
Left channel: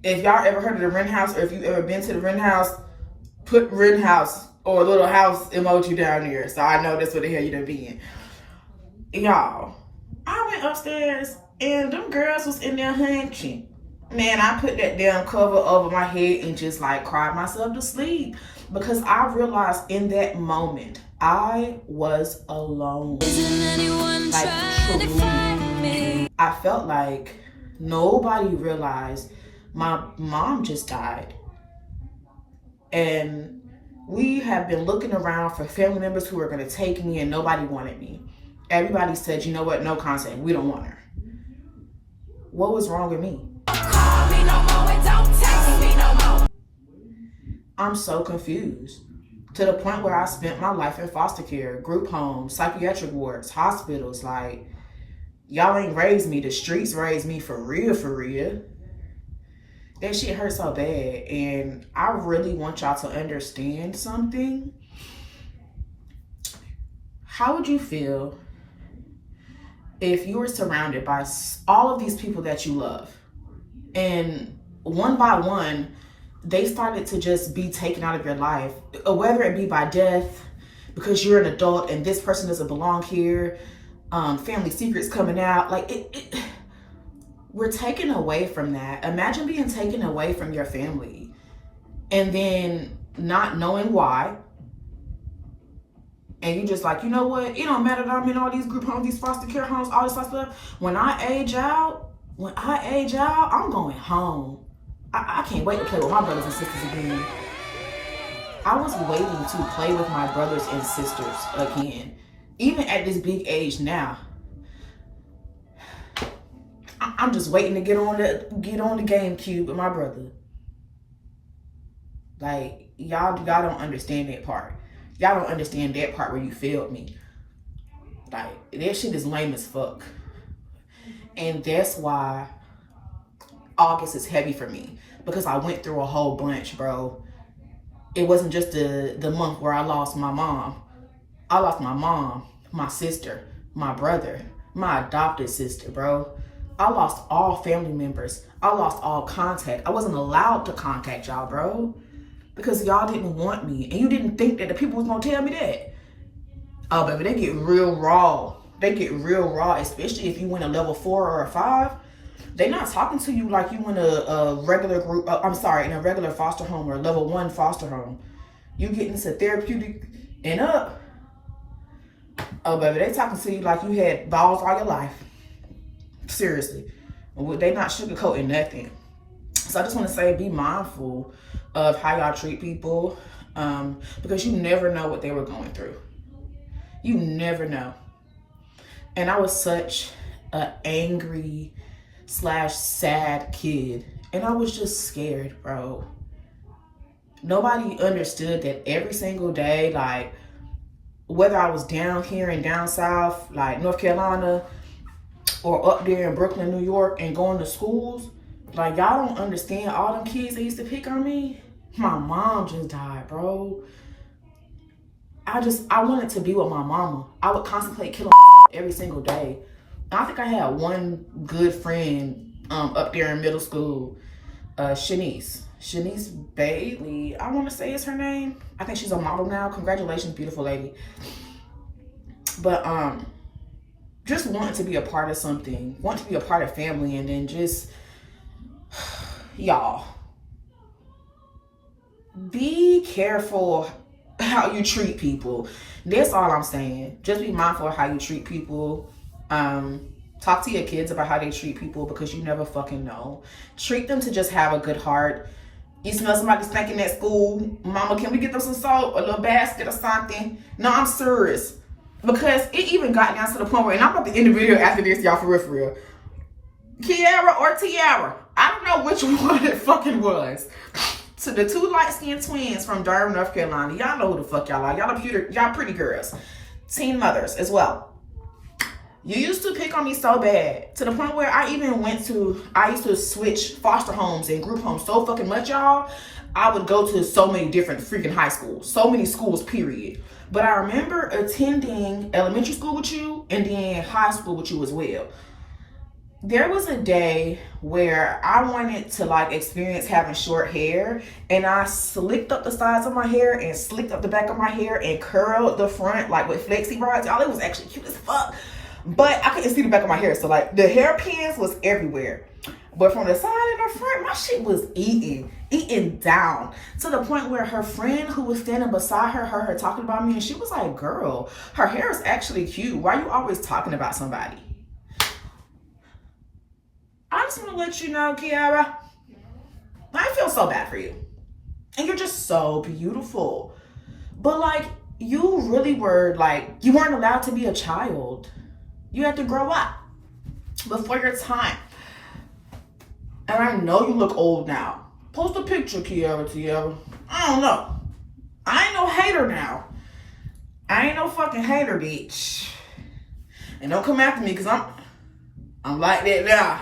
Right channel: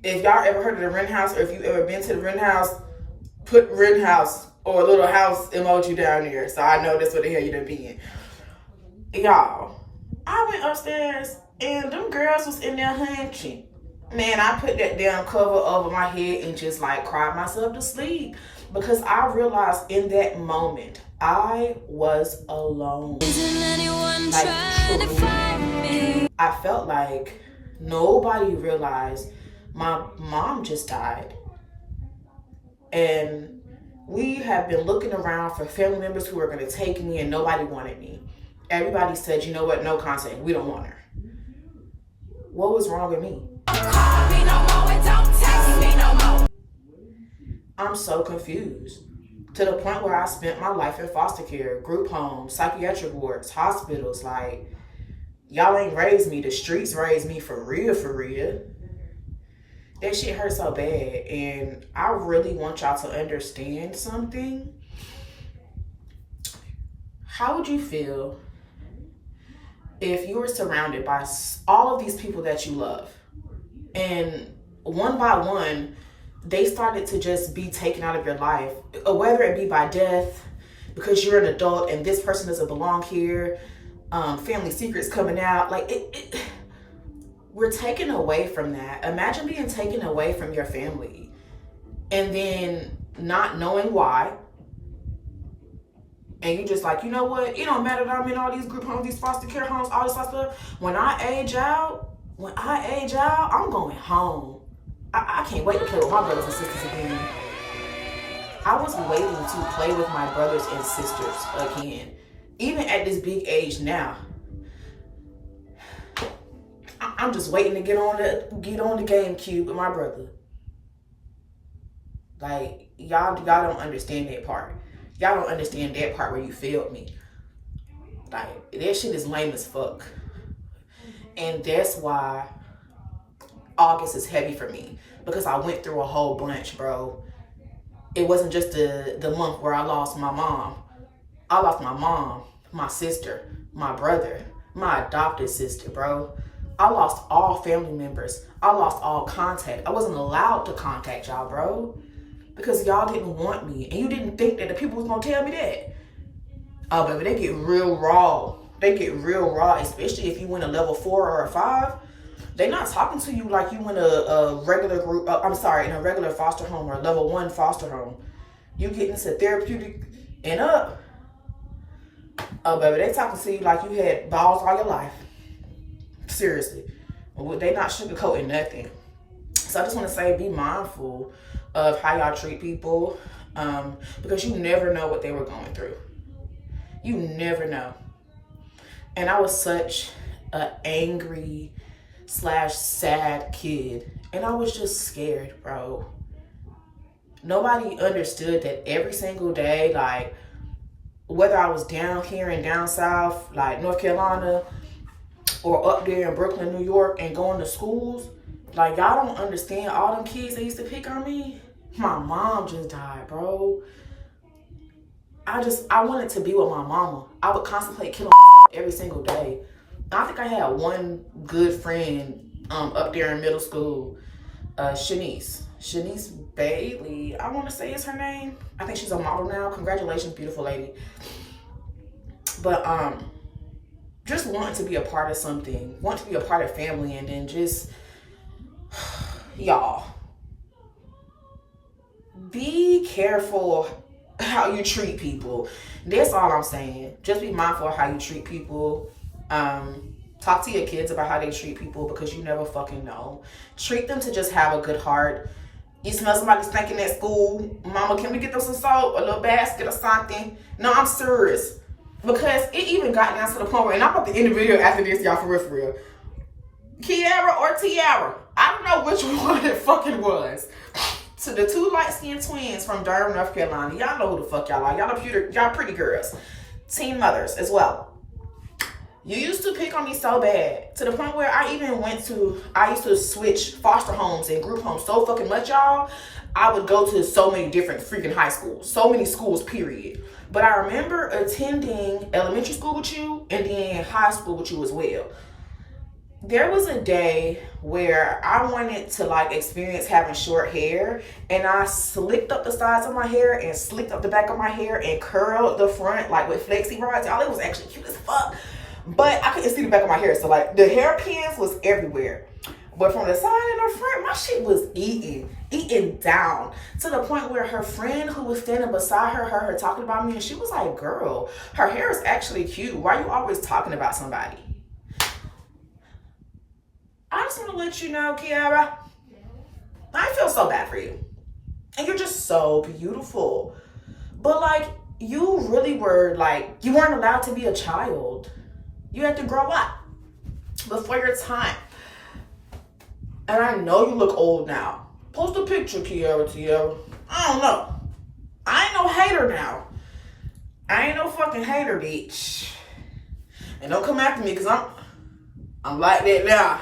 If y'all ever heard of the Wren House, or if you ever been to the Wren House, put Wren House or a little house emoji down there, so I know that's what the hell you done been. Y'all, I went upstairs, and them girls was in there hunching. Man, I put that damn cover over my head and just like cried myself to sleep because I realized in that moment I was alone. Isn't anyone like, trying to find me? I felt like nobody realized my mom just died. And we have been looking around for family members who are going to take me, and nobody wanted me. Everybody said, you know what, no contact, we don't want her. What was wrong with me? Call me no more and don't text me no more. I'm so confused. To the point where I spent my life in foster care, group homes, psychiatric wards, hospitals. Like, y'all ain't raised me. The streets raised me for real, for real. That shit hurt so bad. And I really want y'all to understand something. How would you feel if you were surrounded by all of these people that you love, and one by one, they started to just be taken out of your life, whether it be by death, because you're an adult and this person doesn't belong here, family secrets coming out, like we're taken away from that. Imagine being taken away from your family and then not knowing why. And you just like, you know what? It don't matter that I'm in all these group homes, these foster care homes, all this stuff. When I age out, I'm going home. I can't wait to play with my brothers and sisters again. I was waiting to play with my brothers and sisters again. Even at this big age now. I'm just waiting to get on the GameCube with my brother. Like, y'all don't understand that part. Y'all don't understand that part where you failed me. Like, that shit is lame as fuck. And that's why August is heavy for me. Because I went through a whole bunch, bro. It wasn't just the month where I lost my mom. I lost my mom, my sister, my brother, my adopted sister, bro. I lost all family members. I lost all contact. I wasn't allowed to contact y'all, bro. Because y'all didn't want me. And you didn't think that the people was going to tell me that. Oh, baby, they get real raw they get real raw, especially if you win a level 4 or a 5. They're not talking to you like you in a regular group. In a regular foster home or a level 1 foster home. You get into therapeutic and up. Oh, baby, they talking to you like you had balls all your life. Seriously. They not sugarcoating nothing. So I just want to say, be mindful of how y'all treat people, because you never know what they were going through. You never know. And I was such an angry / sad kid, and I was just scared, bro. Nobody understood that every single day, like, whether I was down here and down south, like North Carolina, or up there in Brooklyn, New York, and going to schools, like, y'all don't understand all them kids that used to pick on me. My mom just died, bro. I wanted to be with my mama. I would contemplate killing myself every single day. I think I had one good friend up there in middle school, Shanice Bailey, I want to say is her name. I think she's a model now. Congratulations, beautiful lady. But just wanting to be a part of something, wanting to be a part of family, and then just, y'all, be careful how you treat people. That's all I'm saying. Just be mindful of how you treat people. Talk to your kids about how they treat people, because you never fucking know. Treat them to just have a good heart. You smell somebody stinking at school, mama, can we get them some salt, a little basket or something? No, I'm serious. Because it even got down to the point where, and I'm about to end the video after this, y'all, for real. Kiara or Tiara, I don't know which one it fucking was. To the 2 light-skinned twins from Durham, North Carolina. Y'all know who the fuck y'all are. Y'all pretty girls. Teen mothers as well. You used to pick on me so bad, to the point where I used to switch foster homes and group homes so fucking much, y'all. I would go to so many different freaking high schools. So many schools, period. But I remember attending elementary school with you and then high school with you as well. There was a day where I wanted to, like, experience having short hair, and I slicked up the sides of my hair and slicked up the back of my hair and curled the front, like, with flexi rods. Y'all, it was actually cute as fuck. But I couldn't see the back of my hair, so, like, the hairpins was everywhere. But from the side and the front, my shit was eating down, to the point where her friend who was standing beside her heard her talking about me, and she was like, girl, her hair is actually cute. Why are you always talking about somebody? I just want to let you know, Kiara, I feel so bad for you. And you're just so beautiful. But, like, you really were, like, you weren't allowed to be a child. You had to grow up before your time. And I know you look old now. Post a picture, Kiara. I don't know. I ain't no hater now. I ain't no fucking hater, bitch. And don't come after me, because I'm like that now.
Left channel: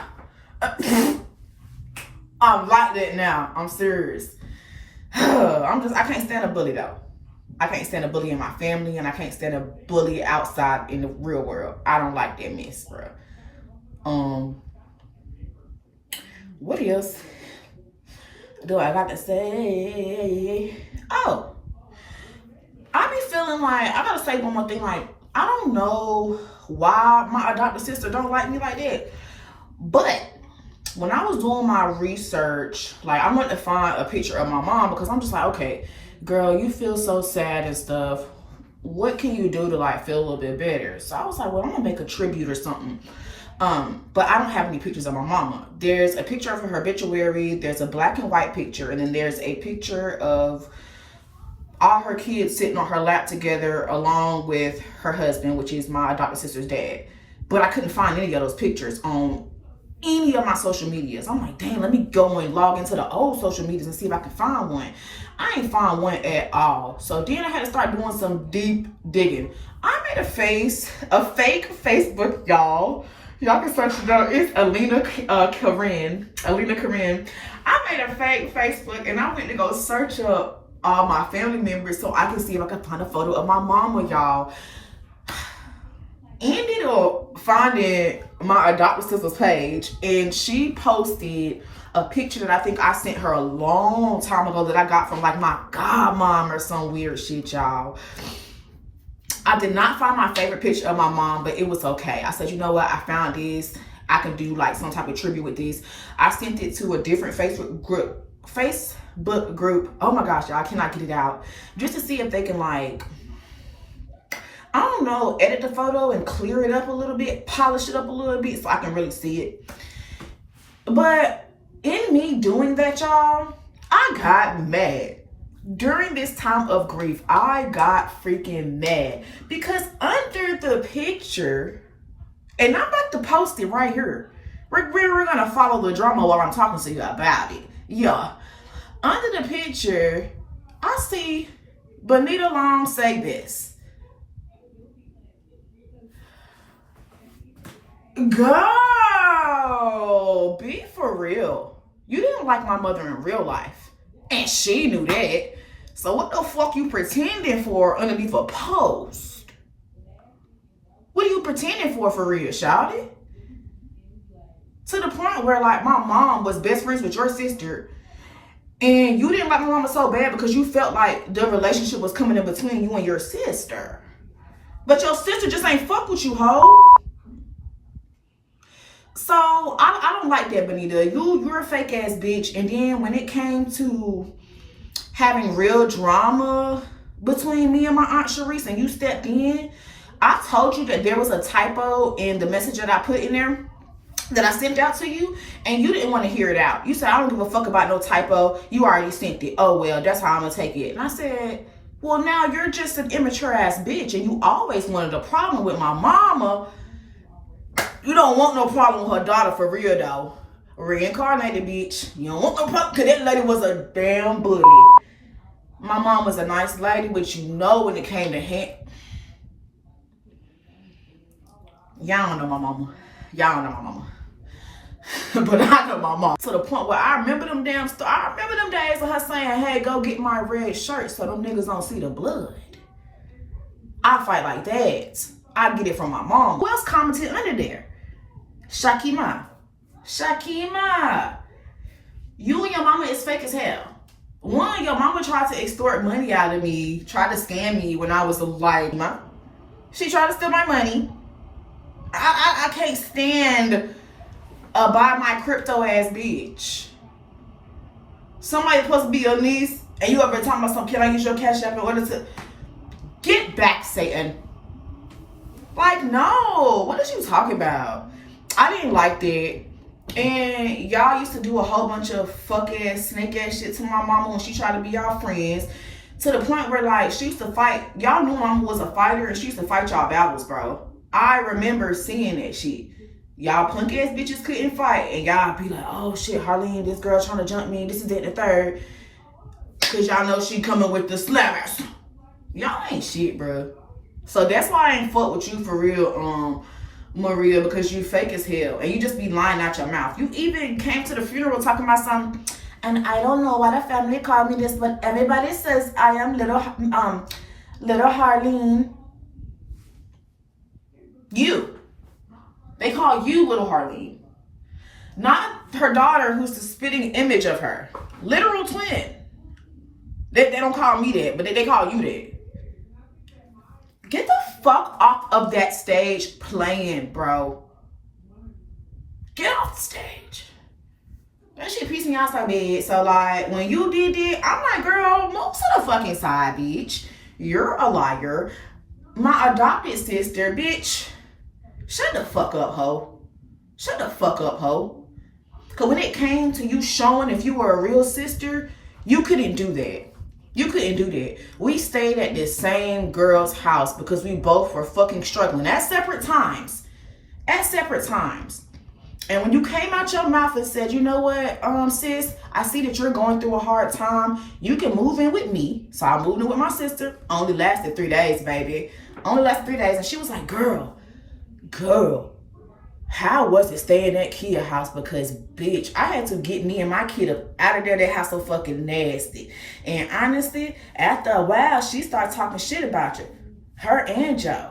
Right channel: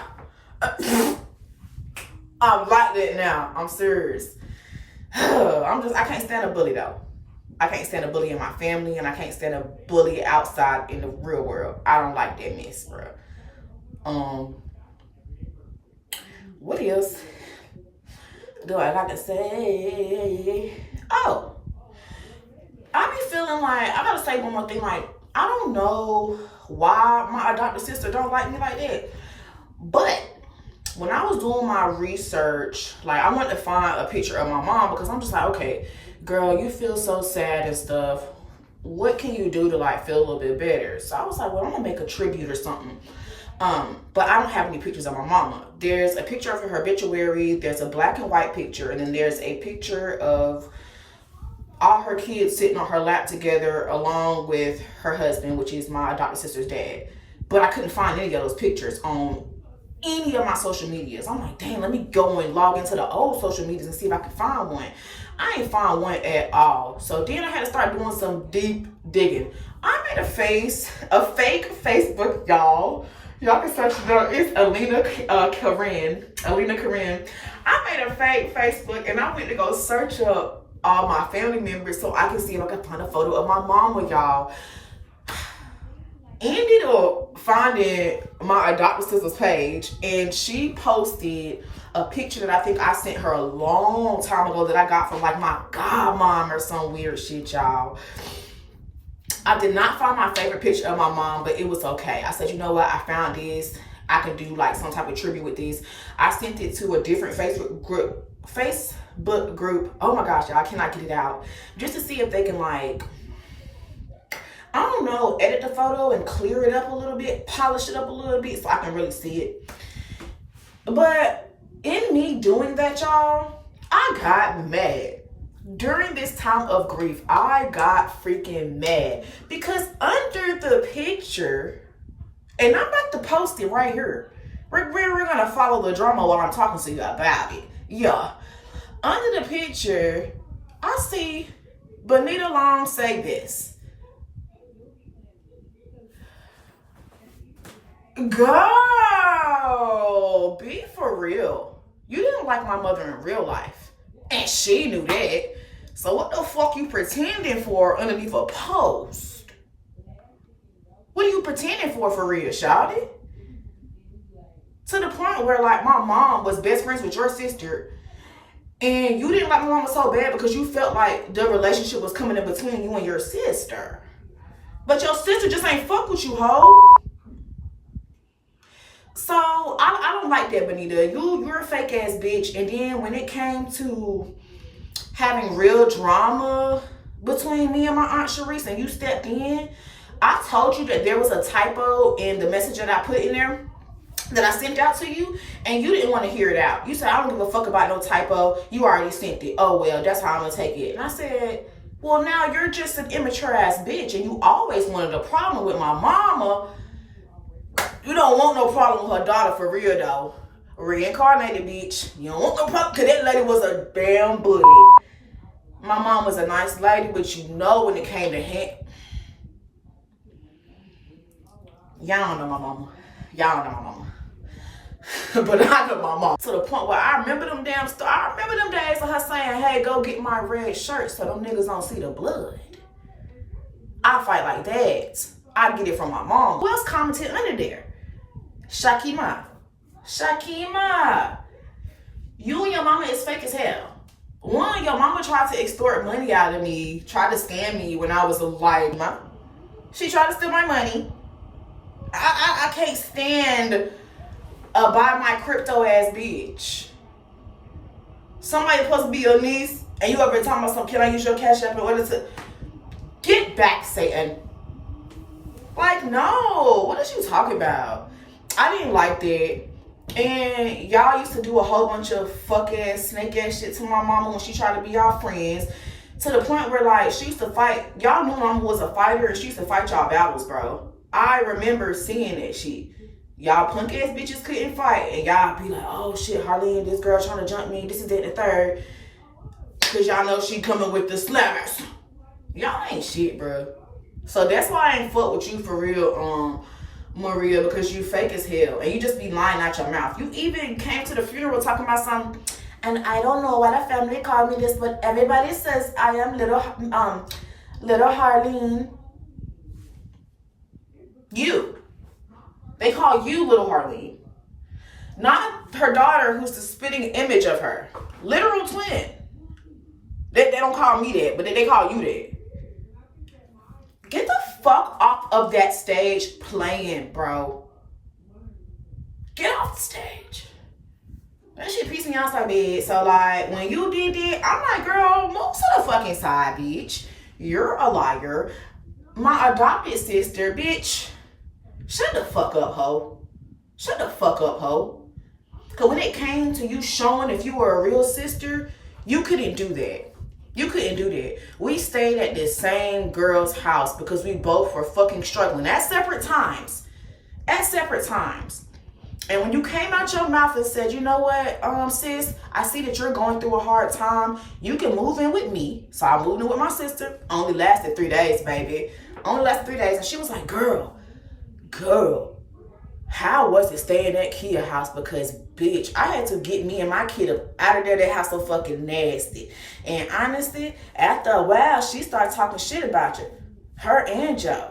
I'm like that now. I'm serious. I can't stand a bully, though. I can't stand a bully in my family, and I can't stand a bully outside in the real world. I don't like that mess, bro. What else do I got to say? Oh, I be feeling like, I gotta say one more thing, like, I don't know why my adopted sister don't like me like that, but when I was doing my research, like, I wanted to find a picture of my mom, because I'm just like, okay, girl, you feel so sad and stuff. What can you do to, like, feel a little bit better? So I was like, well, I'm gonna make a tribute or something. But I don't have any pictures of my mama. There's a picture of her obituary, there's a black and white picture, and then there's a picture of all her kids sitting on her lap together along with her husband, which is my adopted sister's dad. But I couldn't find any of those pictures on any of my social medias. I'm like, dang, let me go and log into the old social medias and see if I can find one. I ain't find one at all. So then I had to start doing some deep digging. I made a fake Facebook, y'all. Y'all can search it out. It's Alina Karen. I made a fake Facebook, and I went to go search up all my family members so I can see if I can find a photo of my mama, y'all. Ended up finding my adopted sister's page, and she posted a picture that I think I sent her a long time ago that I got from, like, my godmom or some weird shit, y'all. I did not find my favorite picture of my mom, but it was okay. I said, you know what? I found this. I can do like some type of tribute with this. I sent it to a different Facebook group. Oh my gosh, y'all, I cannot get it out. Just to see if they can like, I don't know, edit the photo and clear it up a little bit, polish it up a little bit so I can really see it. But in me doing that, y'all, I got mad. During this time of grief, I got freaking mad because under the picture, and I'm about to post it right here. We're gonna follow the drama while I'm talking to you about it. Yeah. Under the picture, I see Benita Long say this. Girl, be for real. You didn't like my mother in real life. And she knew that. So what the fuck you pretending for underneath a post? What are you pretending for real, shawty? To the point where like my mom was best friends with your sister and you didn't like my mama so bad because you felt like the relationship was coming in between you and your sister. But your sister just ain't fuck with you, hoe. So I don't like that, Benita. You're a fake ass bitch. And then when it came to having real drama between me and my Aunt Sharice and you stepped in, I told you that there was a typo in the message that I put in there that I sent out to you, and you didn't want to hear it out. You said, I don't give a fuck about no typo. You already sent it. Oh, well, that's how I'm going to take it. And I said, well, now you're just an immature ass bitch, and you always wanted a problem with my mama. You don't want no problem with her daughter for real, though. Reincarnated, bitch. You don't want no problem, because that lady was a damn bully. My mom was a nice lady, but you know when it came to y'all don't know my mama. Y'all don't know my mama. But I know my mom. To the point where I remember them days of her saying, hey, go get my red shirt so them niggas don't see the blood. I fight like that. I get it from my mom. Who else commented under there? Shakima, you and your mama is fake as hell. One, your mama tried to extort money out of me, tried to scam me when I was like, she tried to steal my money. I can't stand a buy my crypto ass bitch. Somebody supposed to be your niece and you over talking about some, can I use your cash app in order to get back, Satan? Like, no, what is you talking about? I didn't like that. And y'all used to do a whole bunch of fuck ass, snake ass shit to my mama when she tried to be our friends. To the point where like she used to fight. Y'all knew mama was a fighter and she used to fight y'all battles, bro. I remember seeing that shit. Y'all punk ass bitches couldn't fight. And y'all be like, oh shit, Harleen, this girl trying to jump me. This is that, the third. Cause y'all know she coming with the slammers. Y'all ain't shit, bro. So that's why I ain't fuck with you for real, Maria, because you fake as hell. And you just be lying out your mouth. You even came to the funeral talking about something. And I don't know why the family called me this, but everybody says I am little Harleen. You. They call you little Harleen. Not her daughter who's the spitting image of her. Literal twin. They don't call me that, but they call you that. Get the fuck off of that stage playing, bro. Get off the stage. That shit pissed me off so bad. So like when you did it, I'm like, girl, move to the fucking side, bitch. You're a liar. My adopted sister, bitch. Shut the fuck up, ho. Shut the fuck up, ho. Cause when it came to you showing if you were a real sister, you couldn't do that. You couldn't do that. We stayed at the same girl's house because we both were fucking struggling at separate times. At separate times. And when you came out your mouth and said, you know what, sis, I see that you're going through a hard time. You can move in with me. So I moved in with my sister. Only lasted 3 days, baby. Only lasted 3 days. And she was like, girl, how was it staying at Kia house? Because, bitch, I had to get me and my kid out of there. That house so fucking nasty. And honestly, after a while, she started talking shit about you. Her and Joe.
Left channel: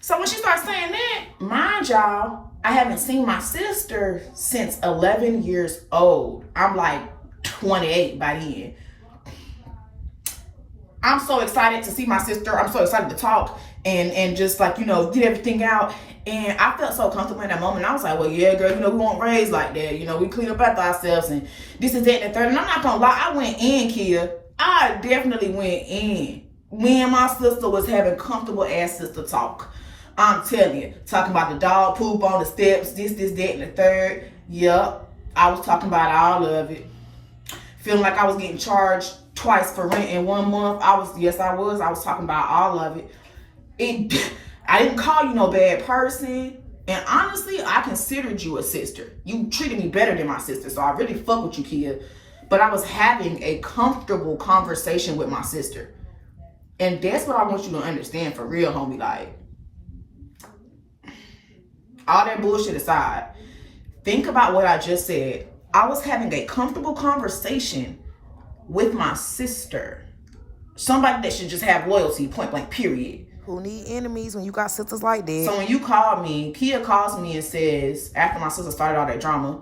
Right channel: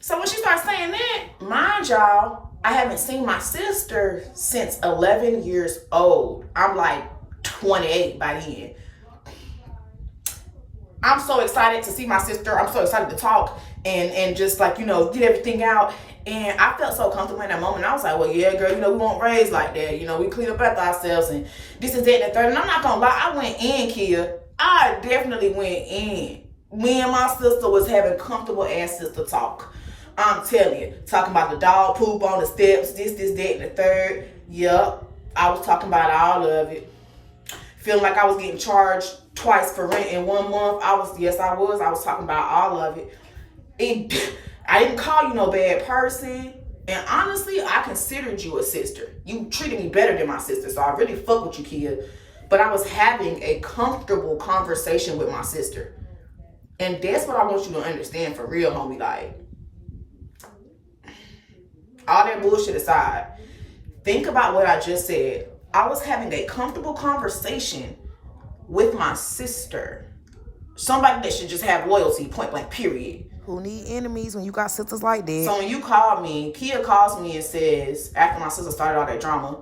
So when she started saying that, mind y'all, I haven't seen my sister since 11 years old. I'm like 28 by then. I'm so excited to see my sister. I'm so excited to talk and just like, you know, get everything out. And I felt so comfortable in that moment. I was like, well, yeah, girl, you know, we won't raise like that. You know, we clean up after ourselves and this is that and the third. And I'm not gonna lie, I went in, Kia. I definitely went in. Me and my sister was having comfortable ass sister talk. I'm telling you, talking about the dog poop on the steps, this, that, and the third. Yep, I was talking about all of it. Feeling like I was getting charged twice for rent in 1 month. I was talking about all of it. I didn't call you no bad person. And honestly, I considered you a sister. You treated me better than my sister, so I really fuck with you, Kia. But I was having a comfortable conversation with my sister. And that's what I want you to understand for real, homie. Like, all that bullshit aside, think about what I just said. I was having a comfortable conversation with my sister. Somebody that should just have loyalty, point blank, period. Who need enemies when you got sisters like that? So when you call me, Kia calls me and says, after my sister started all that drama,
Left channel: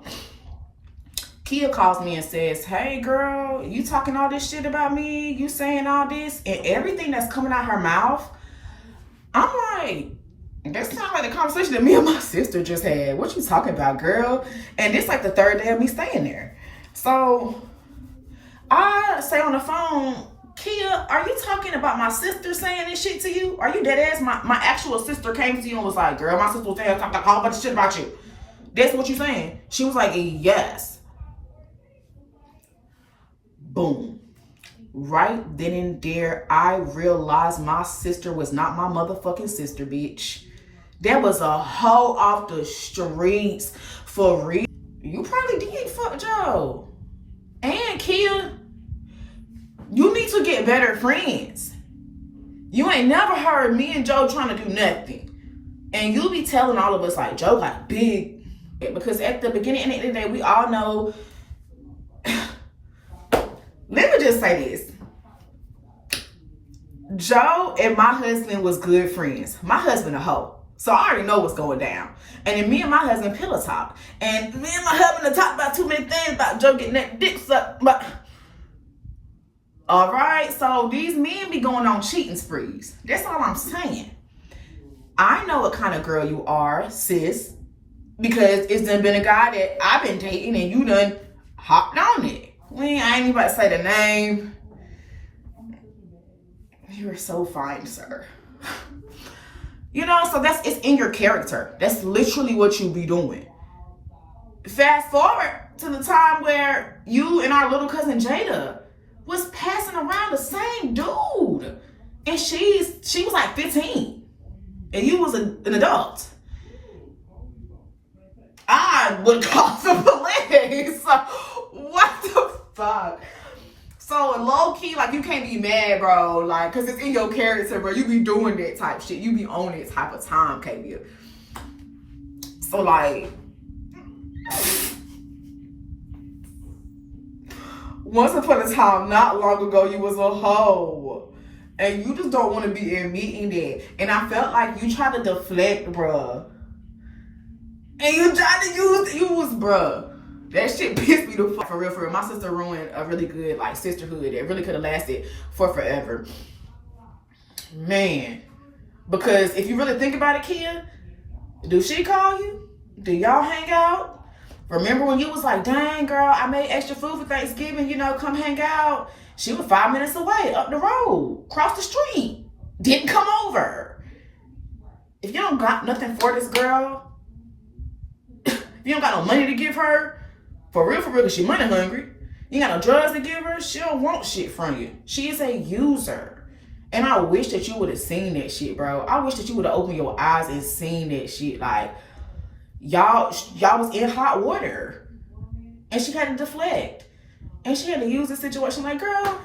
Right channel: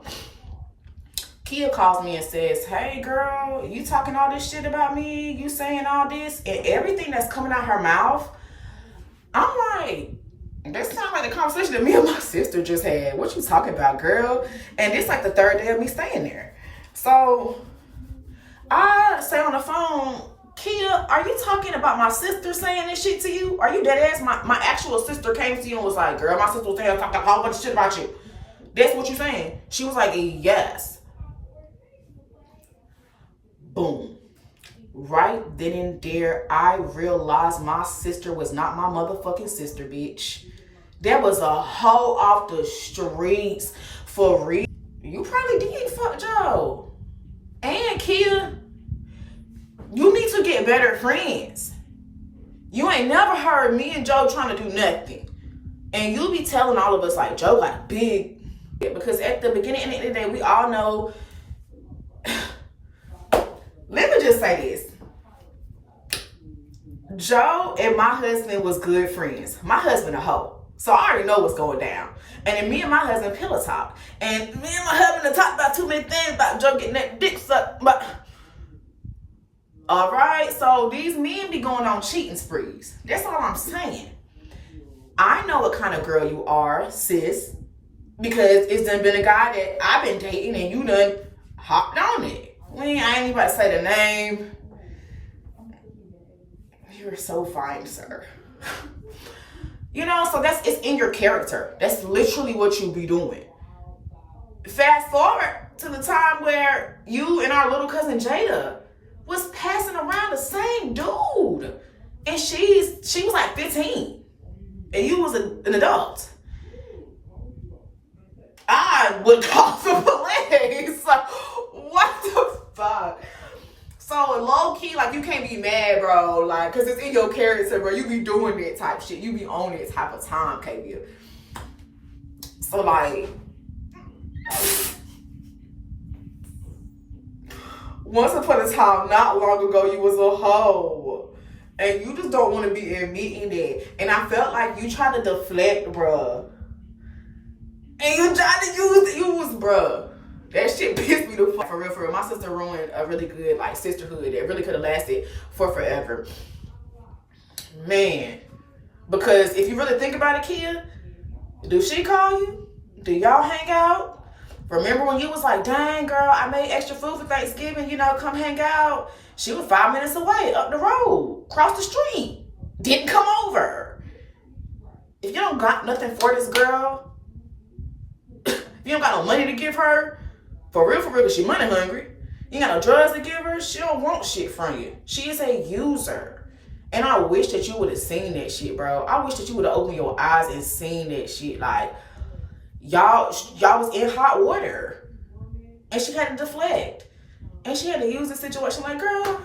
Kia calls me and says, hey girl, you talking all this shit about me? You saying all this? And everything that's coming out her mouth, I'm like, that sounds like the conversation that me and my sister just had. What you talking about, girl? And it's like the third day of me staying there. So I say on the phone, Kia, are you talking about my sister saying this shit to you? Are you dead ass? My actual sister came to you and was like, girl, my sister was saying a whole bunch of shit about you. That's what you saying? She was like, yes. Boom. Right then and there, I realized my sister was not my motherfucking sister, bitch. There was a hoe off the streets for real. You probably did fuck Joe. And Kia, you need to get better friends. You ain't never heard me and Joe trying to do nothing. And you be telling all of us like, Joe got big. Because at the beginning and the end of the day, we all know. Let me just say this. Joe and my husband was good friends. My husband a hoe. So I already know what's going down. And then me and my husband pillow talk. And me and my husband talked about too many things about Joe getting that dick sucked. But all right, so these men be going on cheating sprees. That's all I'm saying. I know what kind of girl you are, sis. Because it's done been a guy that I've been dating and you done hopped on it. I ain't even about to say the name. You're so fine, sir. You know, so it's in your character. That's literally what you be doing. Fast forward to the time where you and our little cousin Jada was passing around the same dude. And she was like 15. And you was an adult. I would call the police. What the fuck? So low key, like, you can't be mad, bro. Like, cause it's in your character, bro. You be doing that type shit. You be on that type of time, KB. So like, once upon a time, not long ago, you was a hoe. And you just don't want to be admitting that. And I felt like you tried to deflect, bruh. And you tried to use, bruh. That shit pissed me the fuck. For real. My sister ruined a really good, like, sisterhood that really could have lasted for forever. Man. Because if you really think about it, Kia, do she call you? Do y'all hang out? Remember when you was like, dang, girl, I made extra food for Thanksgiving, you know, come hang out. She was 5 minutes away, up the road, across the street. Didn't come over. If you don't got nothing for this girl, you don't got no money to give her, for real, because she money hungry. You got no drugs to give her, she don't want shit from you. She is a user. And I wish that you would have seen that shit, bro. I wish that you would have opened your eyes and seen that shit. Like, y'all was in hot water. And she had to deflect. And she had to use the situation like, girl,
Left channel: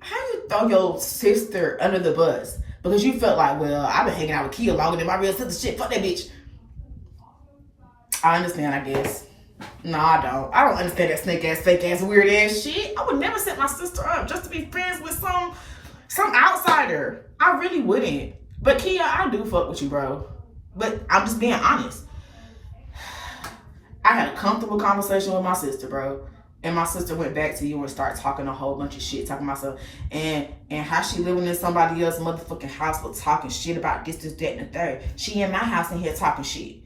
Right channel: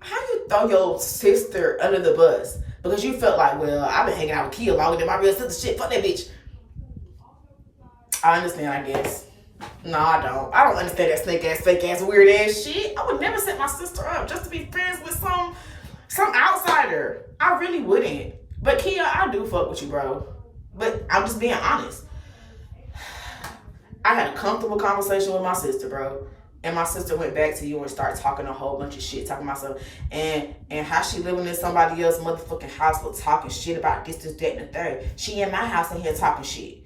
how you throw your sister under the bus? Because you felt like, well, I've been hanging out with Kia longer than my real sister. Shit, fuck that bitch. I understand, I guess. No, I don't. I don't understand that snake ass, fake ass, weird ass shit. I would never set my sister up just to be friends with some outsider. I really wouldn't. But Kia, I do fuck with you, bro. But I'm just being honest. I had a comfortable conversation with my sister, bro. And my sister went back to you and started talking a whole bunch of shit, talking about myself and how she living in somebody else's motherfucking house but talking shit about this, that, and the third. She in my house in here talking shit.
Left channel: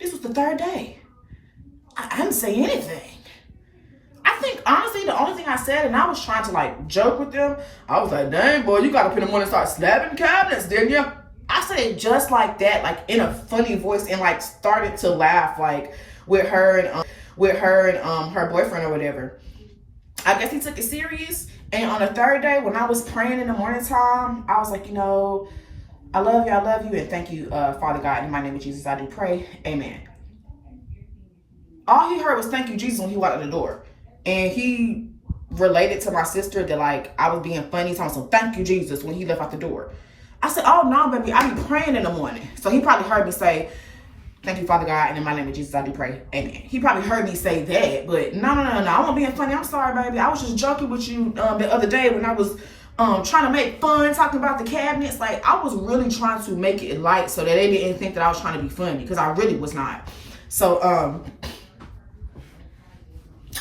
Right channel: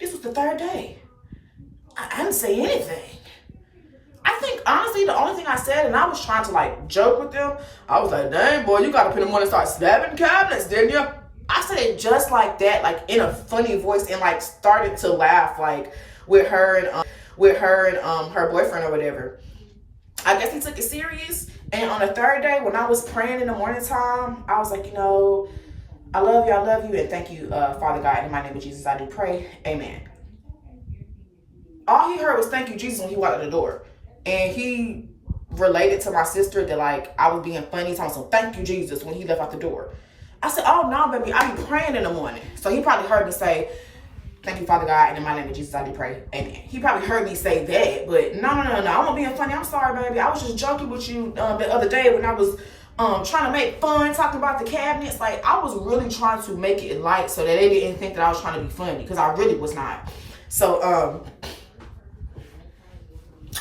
This was the third day. I didn't say anything. I think, honestly, the only thing I said, and I was trying to, like, joke with them, I was like, dang, boy, you got up in the morning and start slapping cabinets, didn't you? I said it just like that, like, in a funny voice, and, like, started to laugh, like, with her and her boyfriend or whatever. I guess he took it serious. And on the third day, when I was praying in the morning time, I was like, you know, I love you, and thank you, Father God, in my name of Jesus, I do pray, amen. All he heard was thank you, Jesus, when he walked out the door. And he related to my sister that, like, I was being funny, talking so thank you, Jesus, when he left out the door. I said, oh, no, baby, I be praying in the morning. So he probably heard me say, thank you, Father God, and in my name of Jesus, I do pray, amen. He probably heard me say that, but no, I wasn't being funny. I'm sorry, baby. I was just joking with you the other day when I was trying to make fun, talking about the cabinets. Like, I was really trying to make it light so that they didn't think that I was trying to be funny, because I really was not. So,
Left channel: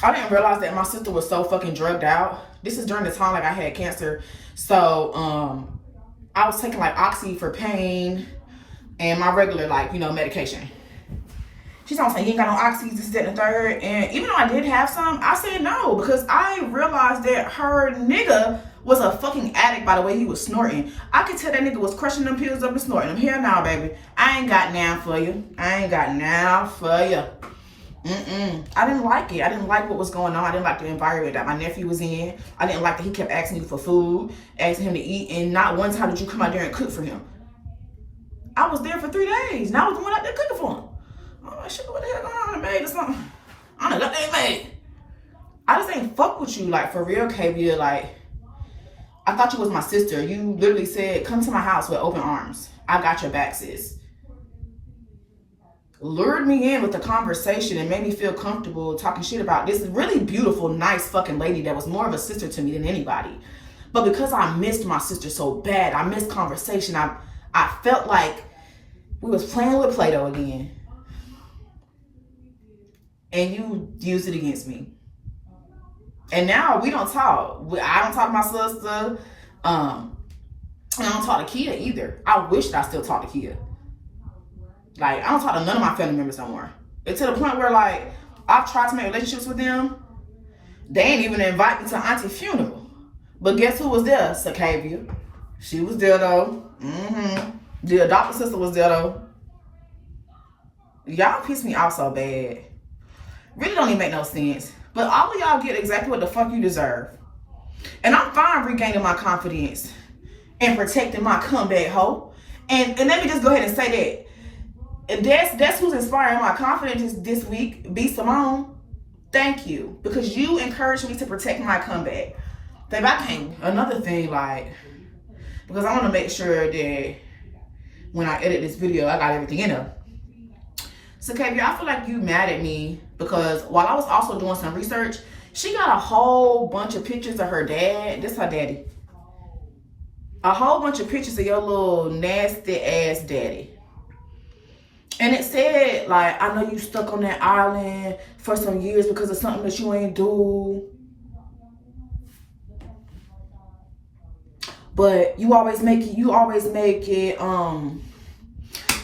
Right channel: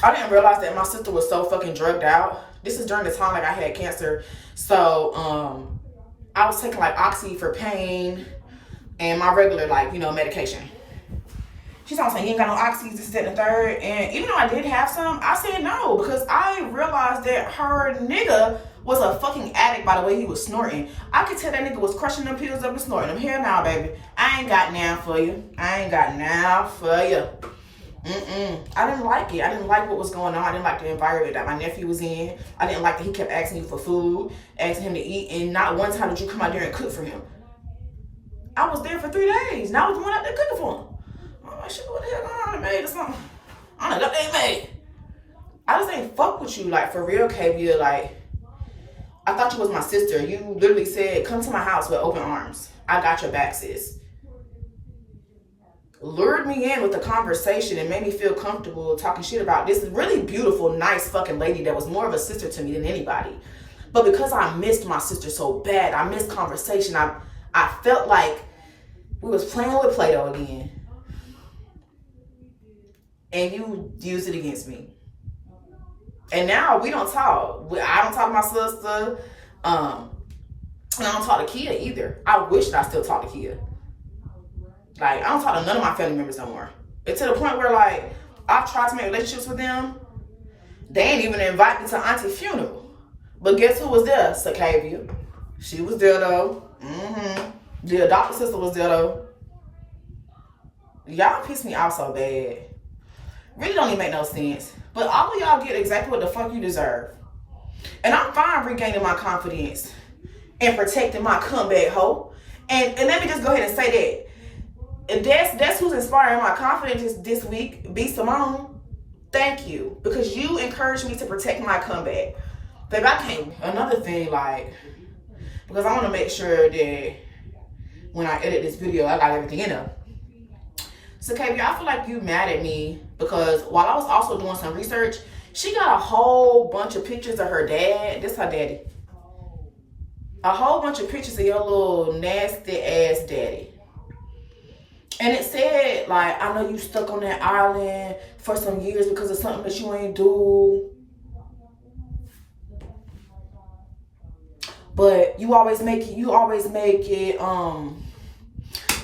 I didn't realize that my sister was so fucking drugged out. This is during the time, like, I had cancer. So, I was taking, like, Oxy for pain and my regular, like, you know, medication. She's not saying, you ain't got no Oxy, this, that, and the third. And even though I did have some, I said no, because I realized that her nigga was a fucking addict by the way he was snorting. I could tell that nigga was crushing them pills up and snorting them. Here now, baby. I ain't got now for you. I didn't like it. I didn't like what was going on. I didn't like the environment that my nephew was in. I didn't like that he kept asking you for food, asking him to eat, and not one time did you come out there and cook for him. I was there for 3 days, and I was the one out there cooking for him. Oh, shit, what the hell going on in the maid or something? I don't know, that maid. I just ain't fuck with you, like, for real, Kavia. Like, I thought you was my sister. You literally said, come to my house with open arms. I got your back, sis. Lured me in with the conversation and made me feel comfortable talking shit about this really beautiful, nice fucking lady that was more of a sister to me than anybody. But because I missed my sister so bad, I missed conversation, I felt like we was playing with Play-Doh again. And you used it against me. And now we don't talk. I don't talk to my sister. I don't talk to Kia either. I wish that I still talk to Kia. Like, I don't talk to none of my family members no more. It's to the point where, like, I've tried to make relationships with them. They ain't even invite me to Auntie's funeral. But guess who was there? Sakavia. She was there, though. The adopted sister was there, though. Y'all piss me off so bad. Really don't even make no sense. But all of y'all get exactly what the fuck you deserve. And I'm fine regaining my confidence and protecting my comeback hoe. And let me just go ahead and say that. That's who's inspiring my confidence this week, B. Simone. Thank you. Because you encouraged me to protect my comeback. Babe, I can't. Another thing, like, because I want to make sure that when I edit this video, I got everything in there. So, Kavia, I feel like you mad at me because while I was also doing some research, she got a whole bunch of pictures of her dad. This her daddy. A whole bunch of pictures of your little nasty ass daddy. And it said, like, I know you stuck on that island for some years because of something that you ain't do. But you always make it, I'm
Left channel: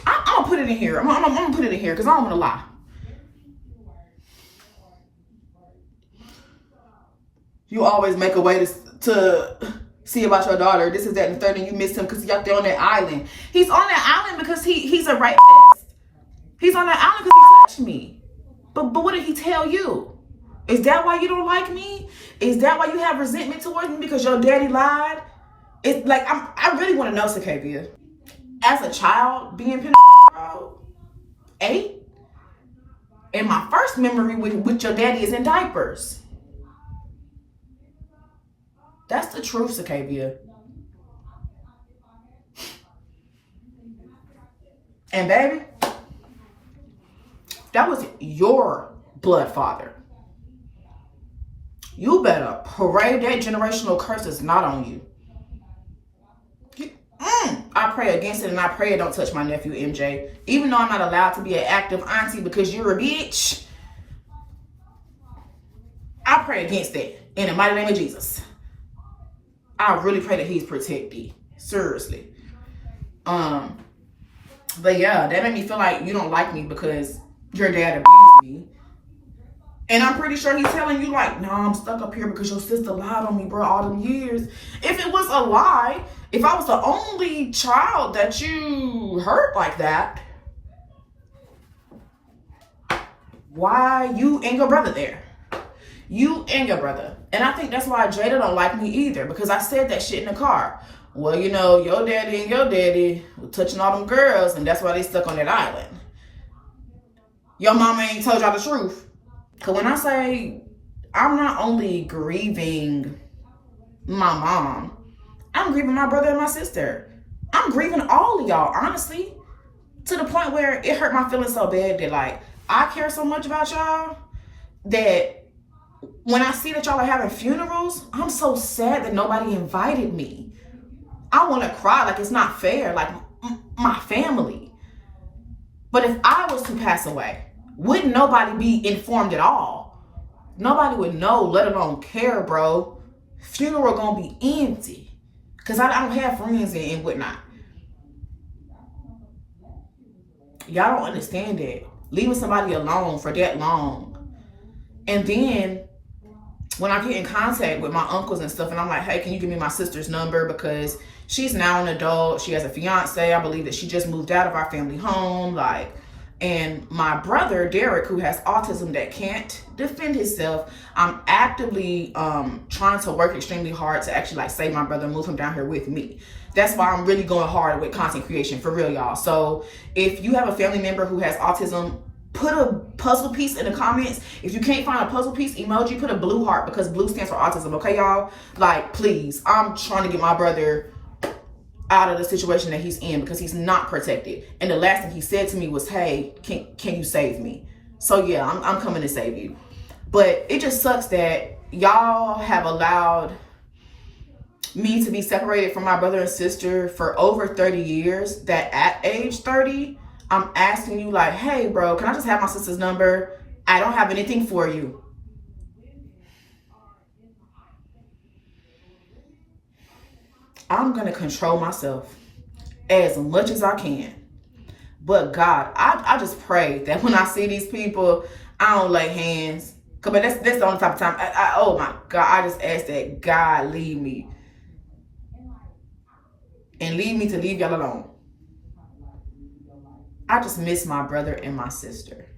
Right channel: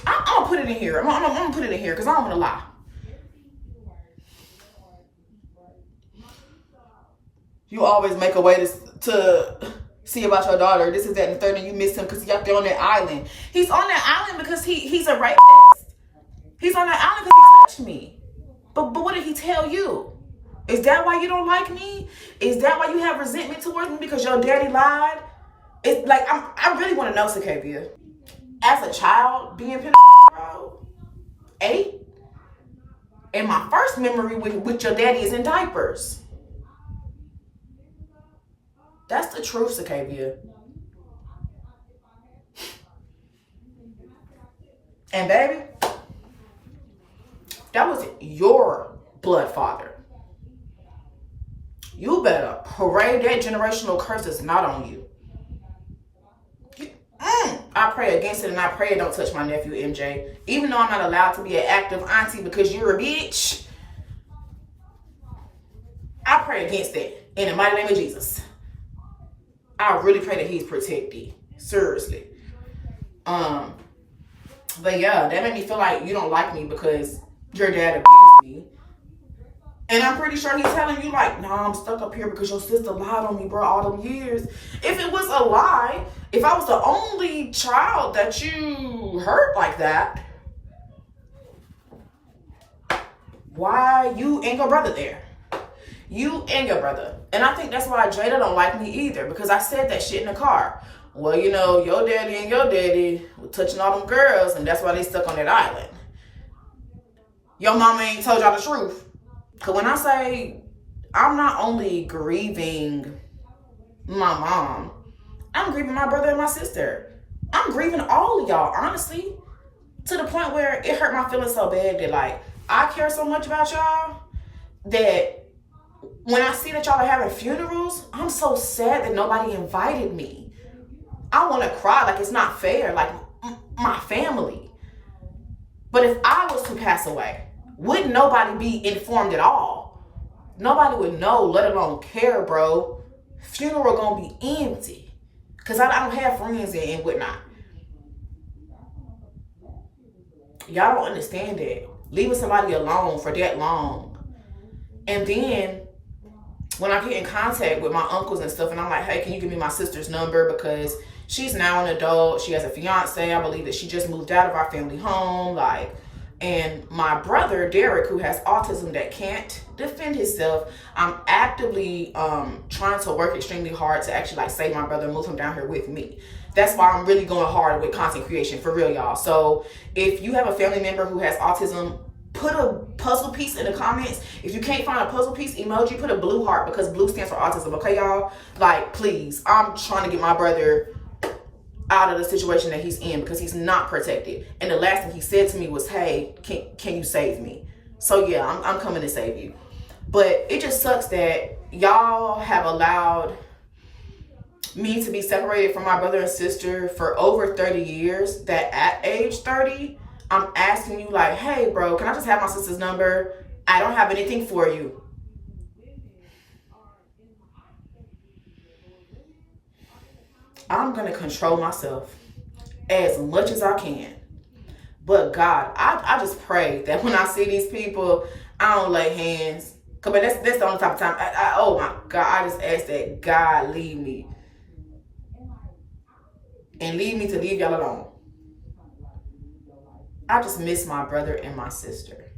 gonna put it in here. I'm gonna put it in here because I don't want to lie. You always make a way to see about your daughter. This is that and the third, and you miss him because he's out there on that island. He's on that island because he's a rapist. He's on that island because he touched me. But what did he tell you? Is that why you don't like me? Is that why you have resentment towards me because your daddy lied? It's like I really want to know, Sakavia. As a child, being pinned 8, and my first memory with your daddy is in diapers. That's the truth, Sakavia. And baby, that was your blood father. You better pray that generational curse is not on you. I pray against it, and I pray it don't touch my nephew MJ. Even though I'm not allowed to be an active auntie because you're a bitch. pray against that in the mighty name of Jesus. I really pray that he's protected. Seriously. But yeah, that made me feel like you don't like me because your dad abused me. And I'm pretty sure he's telling you like, nah, I'm stuck up here because your sister lied on me, bro, all them years. If it was a lie, if I was the only child that you hurt like that, why you and your brother there? You and your brother. And I think that's why Jada don't like me either, because I said that shit in the car. Well, you know, your daddy and your daddy were touching all them girls, and that's why they stuck on that island. Your mama ain't told y'all the truth. Because when I say I'm not only grieving my mom, I'm grieving my brother and my sister. I'm grieving all of y'all, honestly. To the point where it hurt my feelings so bad that, like, I care so much about y'all that when I see that y'all are having funerals, I'm so sad that nobody invited me. I want to cry, like it's not fair, like my family. But if I was to pass away, wouldn't nobody be informed at all? Nobody would know, let alone care, bro. Funeral gonna be empty. Because I don't have friends and whatnot. Y'all don't understand that. Leaving somebody alone for that long. And then when I get in contact with my uncles and stuff, and I'm like, hey, can you give me my sister's number? Because she's now an adult. She has a fiance. I believe that she just moved out of our family home. Like, and my brother, Derek, who has autism that can't defend himself, I'm actively trying to work extremely hard to actually like save my brother, move him down here with me. That's why I'm really going hard with content creation, for real, y'all. So if you have a family member who has autism, put a puzzle piece in the comments. If you can't find a puzzle piece emoji, put a blue heart, because blue stands for autism, okay, y'all? Like, please, I'm trying to get my brother out of the situation that he's in because he's not protected. And the last thing he said to me was, hey, can you save me? So yeah, I'm coming to save you. But it just sucks that y'all have allowed me to be separated from my brother and sister for over 30 years, that at age 30, I'm asking you like, hey bro, can I just have my sister's number? I don't have anything for you. I'm going to control myself as much as I can. But God, I just pray that when I see these people, I don't lay hands. Cause that's the only type of time. Oh my God, I just ask that God lead me. And lead me to leave y'all alone. I just miss my brother and my sister.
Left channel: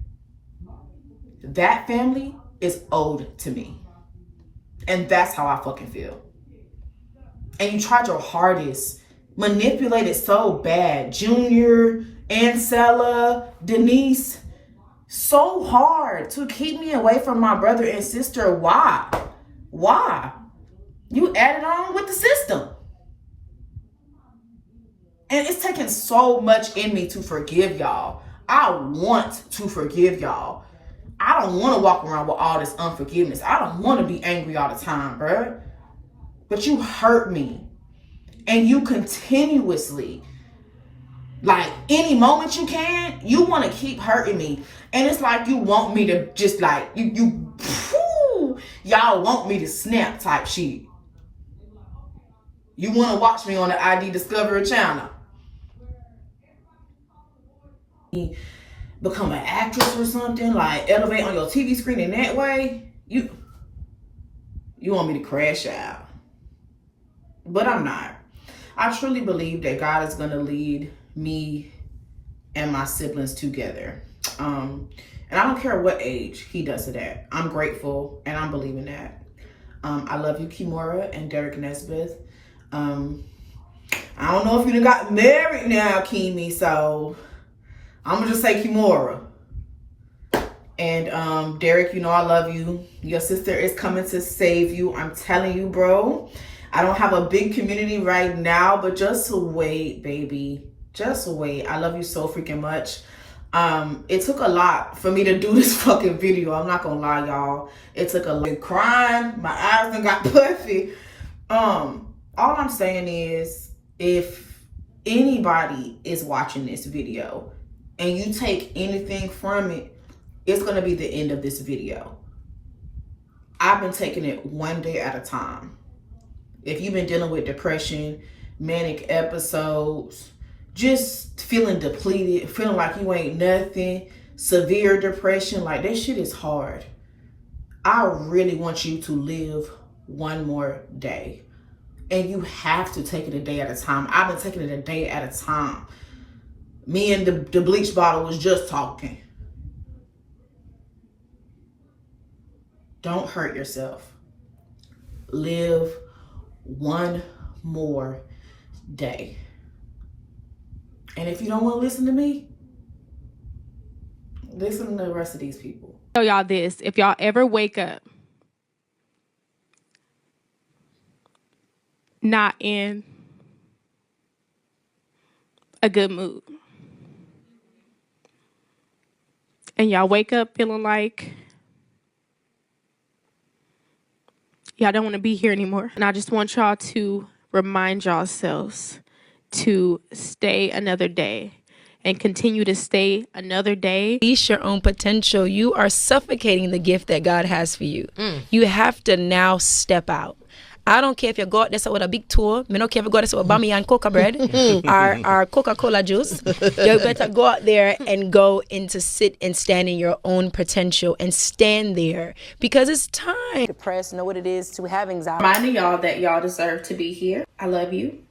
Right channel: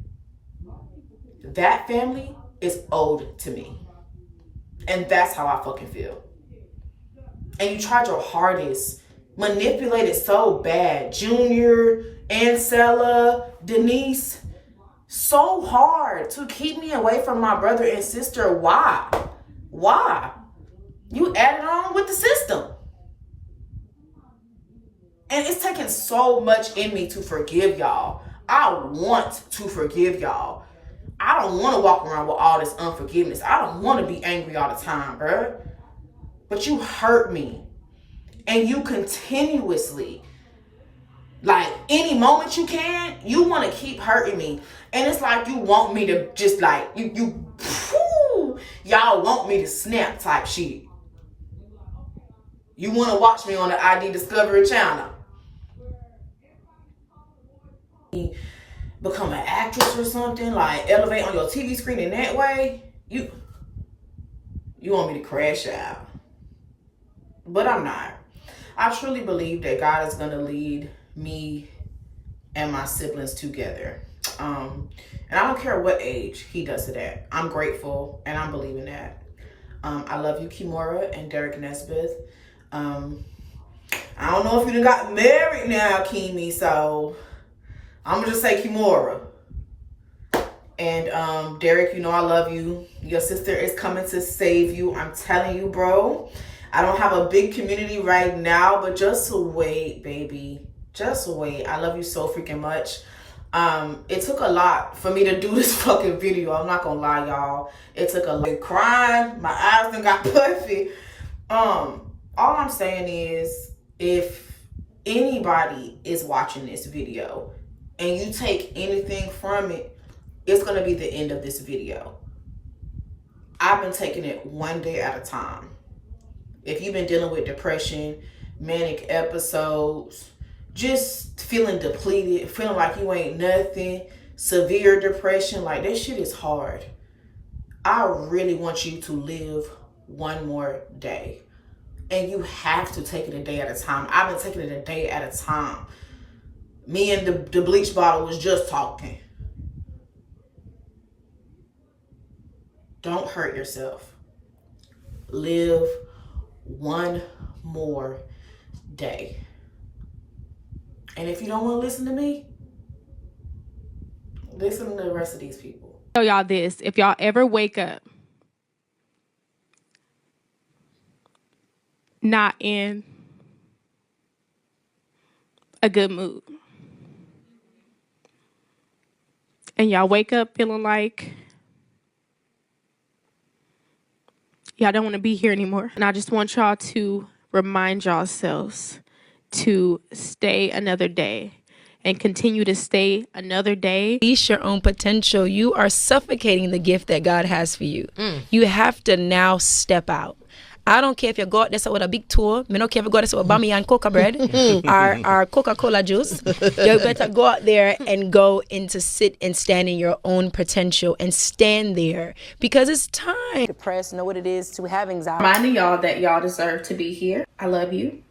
That family is owed to me. And that's how I fucking feel. And you tried your hardest, manipulated so bad. Junior, Ancella, Denise, so hard to keep me away from my brother and sister. Why? Why? You added on with the system. And it's taken so much in me to forgive y'all. I want to forgive y'all. I don't want to walk around with all this unforgiveness. I don't want to be angry all the time, bruh. But you hurt me. And you continuously, like any moment you can, you want to keep hurting me. And it's like you want me to just like, y'all want me to snap type shit. You want to watch me on the ID Discovery channel. Become an actress or something, like elevate on your TV screen in that way. You want me to crash out. But I'm not. I truly believe that God is going to lead me and my siblings together. And I don't care what age he does it at. I'm grateful and I'm believing that. I love you, Kimora and Derek Nesbitt. I don't know if you done got married now, Kimi, so I'm gonna just say Kimora. And Derek, you know I love you. Your sister is coming to save you. I'm telling you, bro. I don't have a big community right now, but just wait, baby. Just wait. I love you so freaking much. It took a lot for me to do this fucking video. I'm not gonna lie, y'all. It took a lot. Crying. My eyes done got puffy. All I'm saying is, if anybody is watching this video and you take anything from it, it's gonna be the end of this video. I've been taking it one day at a time. If you've been dealing with depression, manic episodes, just feeling depleted, feeling like you ain't nothing, severe depression, like that shit is hard. I really want you to live one more day. And you have to take it a day at a time. I've been taking it a day at a time. Me and the bleach bottle was just talking. Don't hurt yourself. Live one more day. And if you don't want to listen to me, listen to the rest of these people. Tell y'all this, if y'all ever wake up not in a good mood, and y'all wake up feeling like y'all don't want to be here anymore, and I just want y'all to remind yourselves to stay another day and continue to stay another day. Unleash your own potential. You are suffocating the gift that God has for you. You have to now step out. I don't care if you go out there with a big tour. I don't care if you go out there with Bami and coca bread or Coca-Cola juice. You better go out there and go in to sit and stand in your own potential and stand there because it's time. Depressed, know what it is to have anxiety. Reminding y'all that y'all deserve to be here. I love you.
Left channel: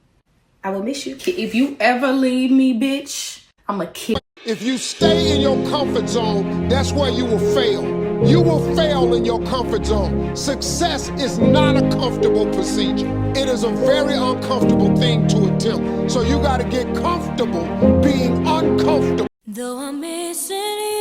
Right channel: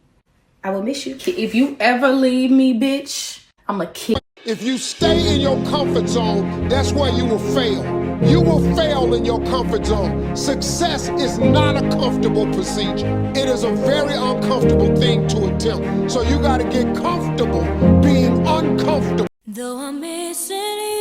I will miss you. If you ever leave me, bitch, I'm a kid. If you stay in your comfort zone, that's where you will fail. You will fail in your comfort zone. Success is not a comfortable procedure. It is a very uncomfortable thing to attempt. So you got to get comfortable being uncomfortable. Though I'm missing you.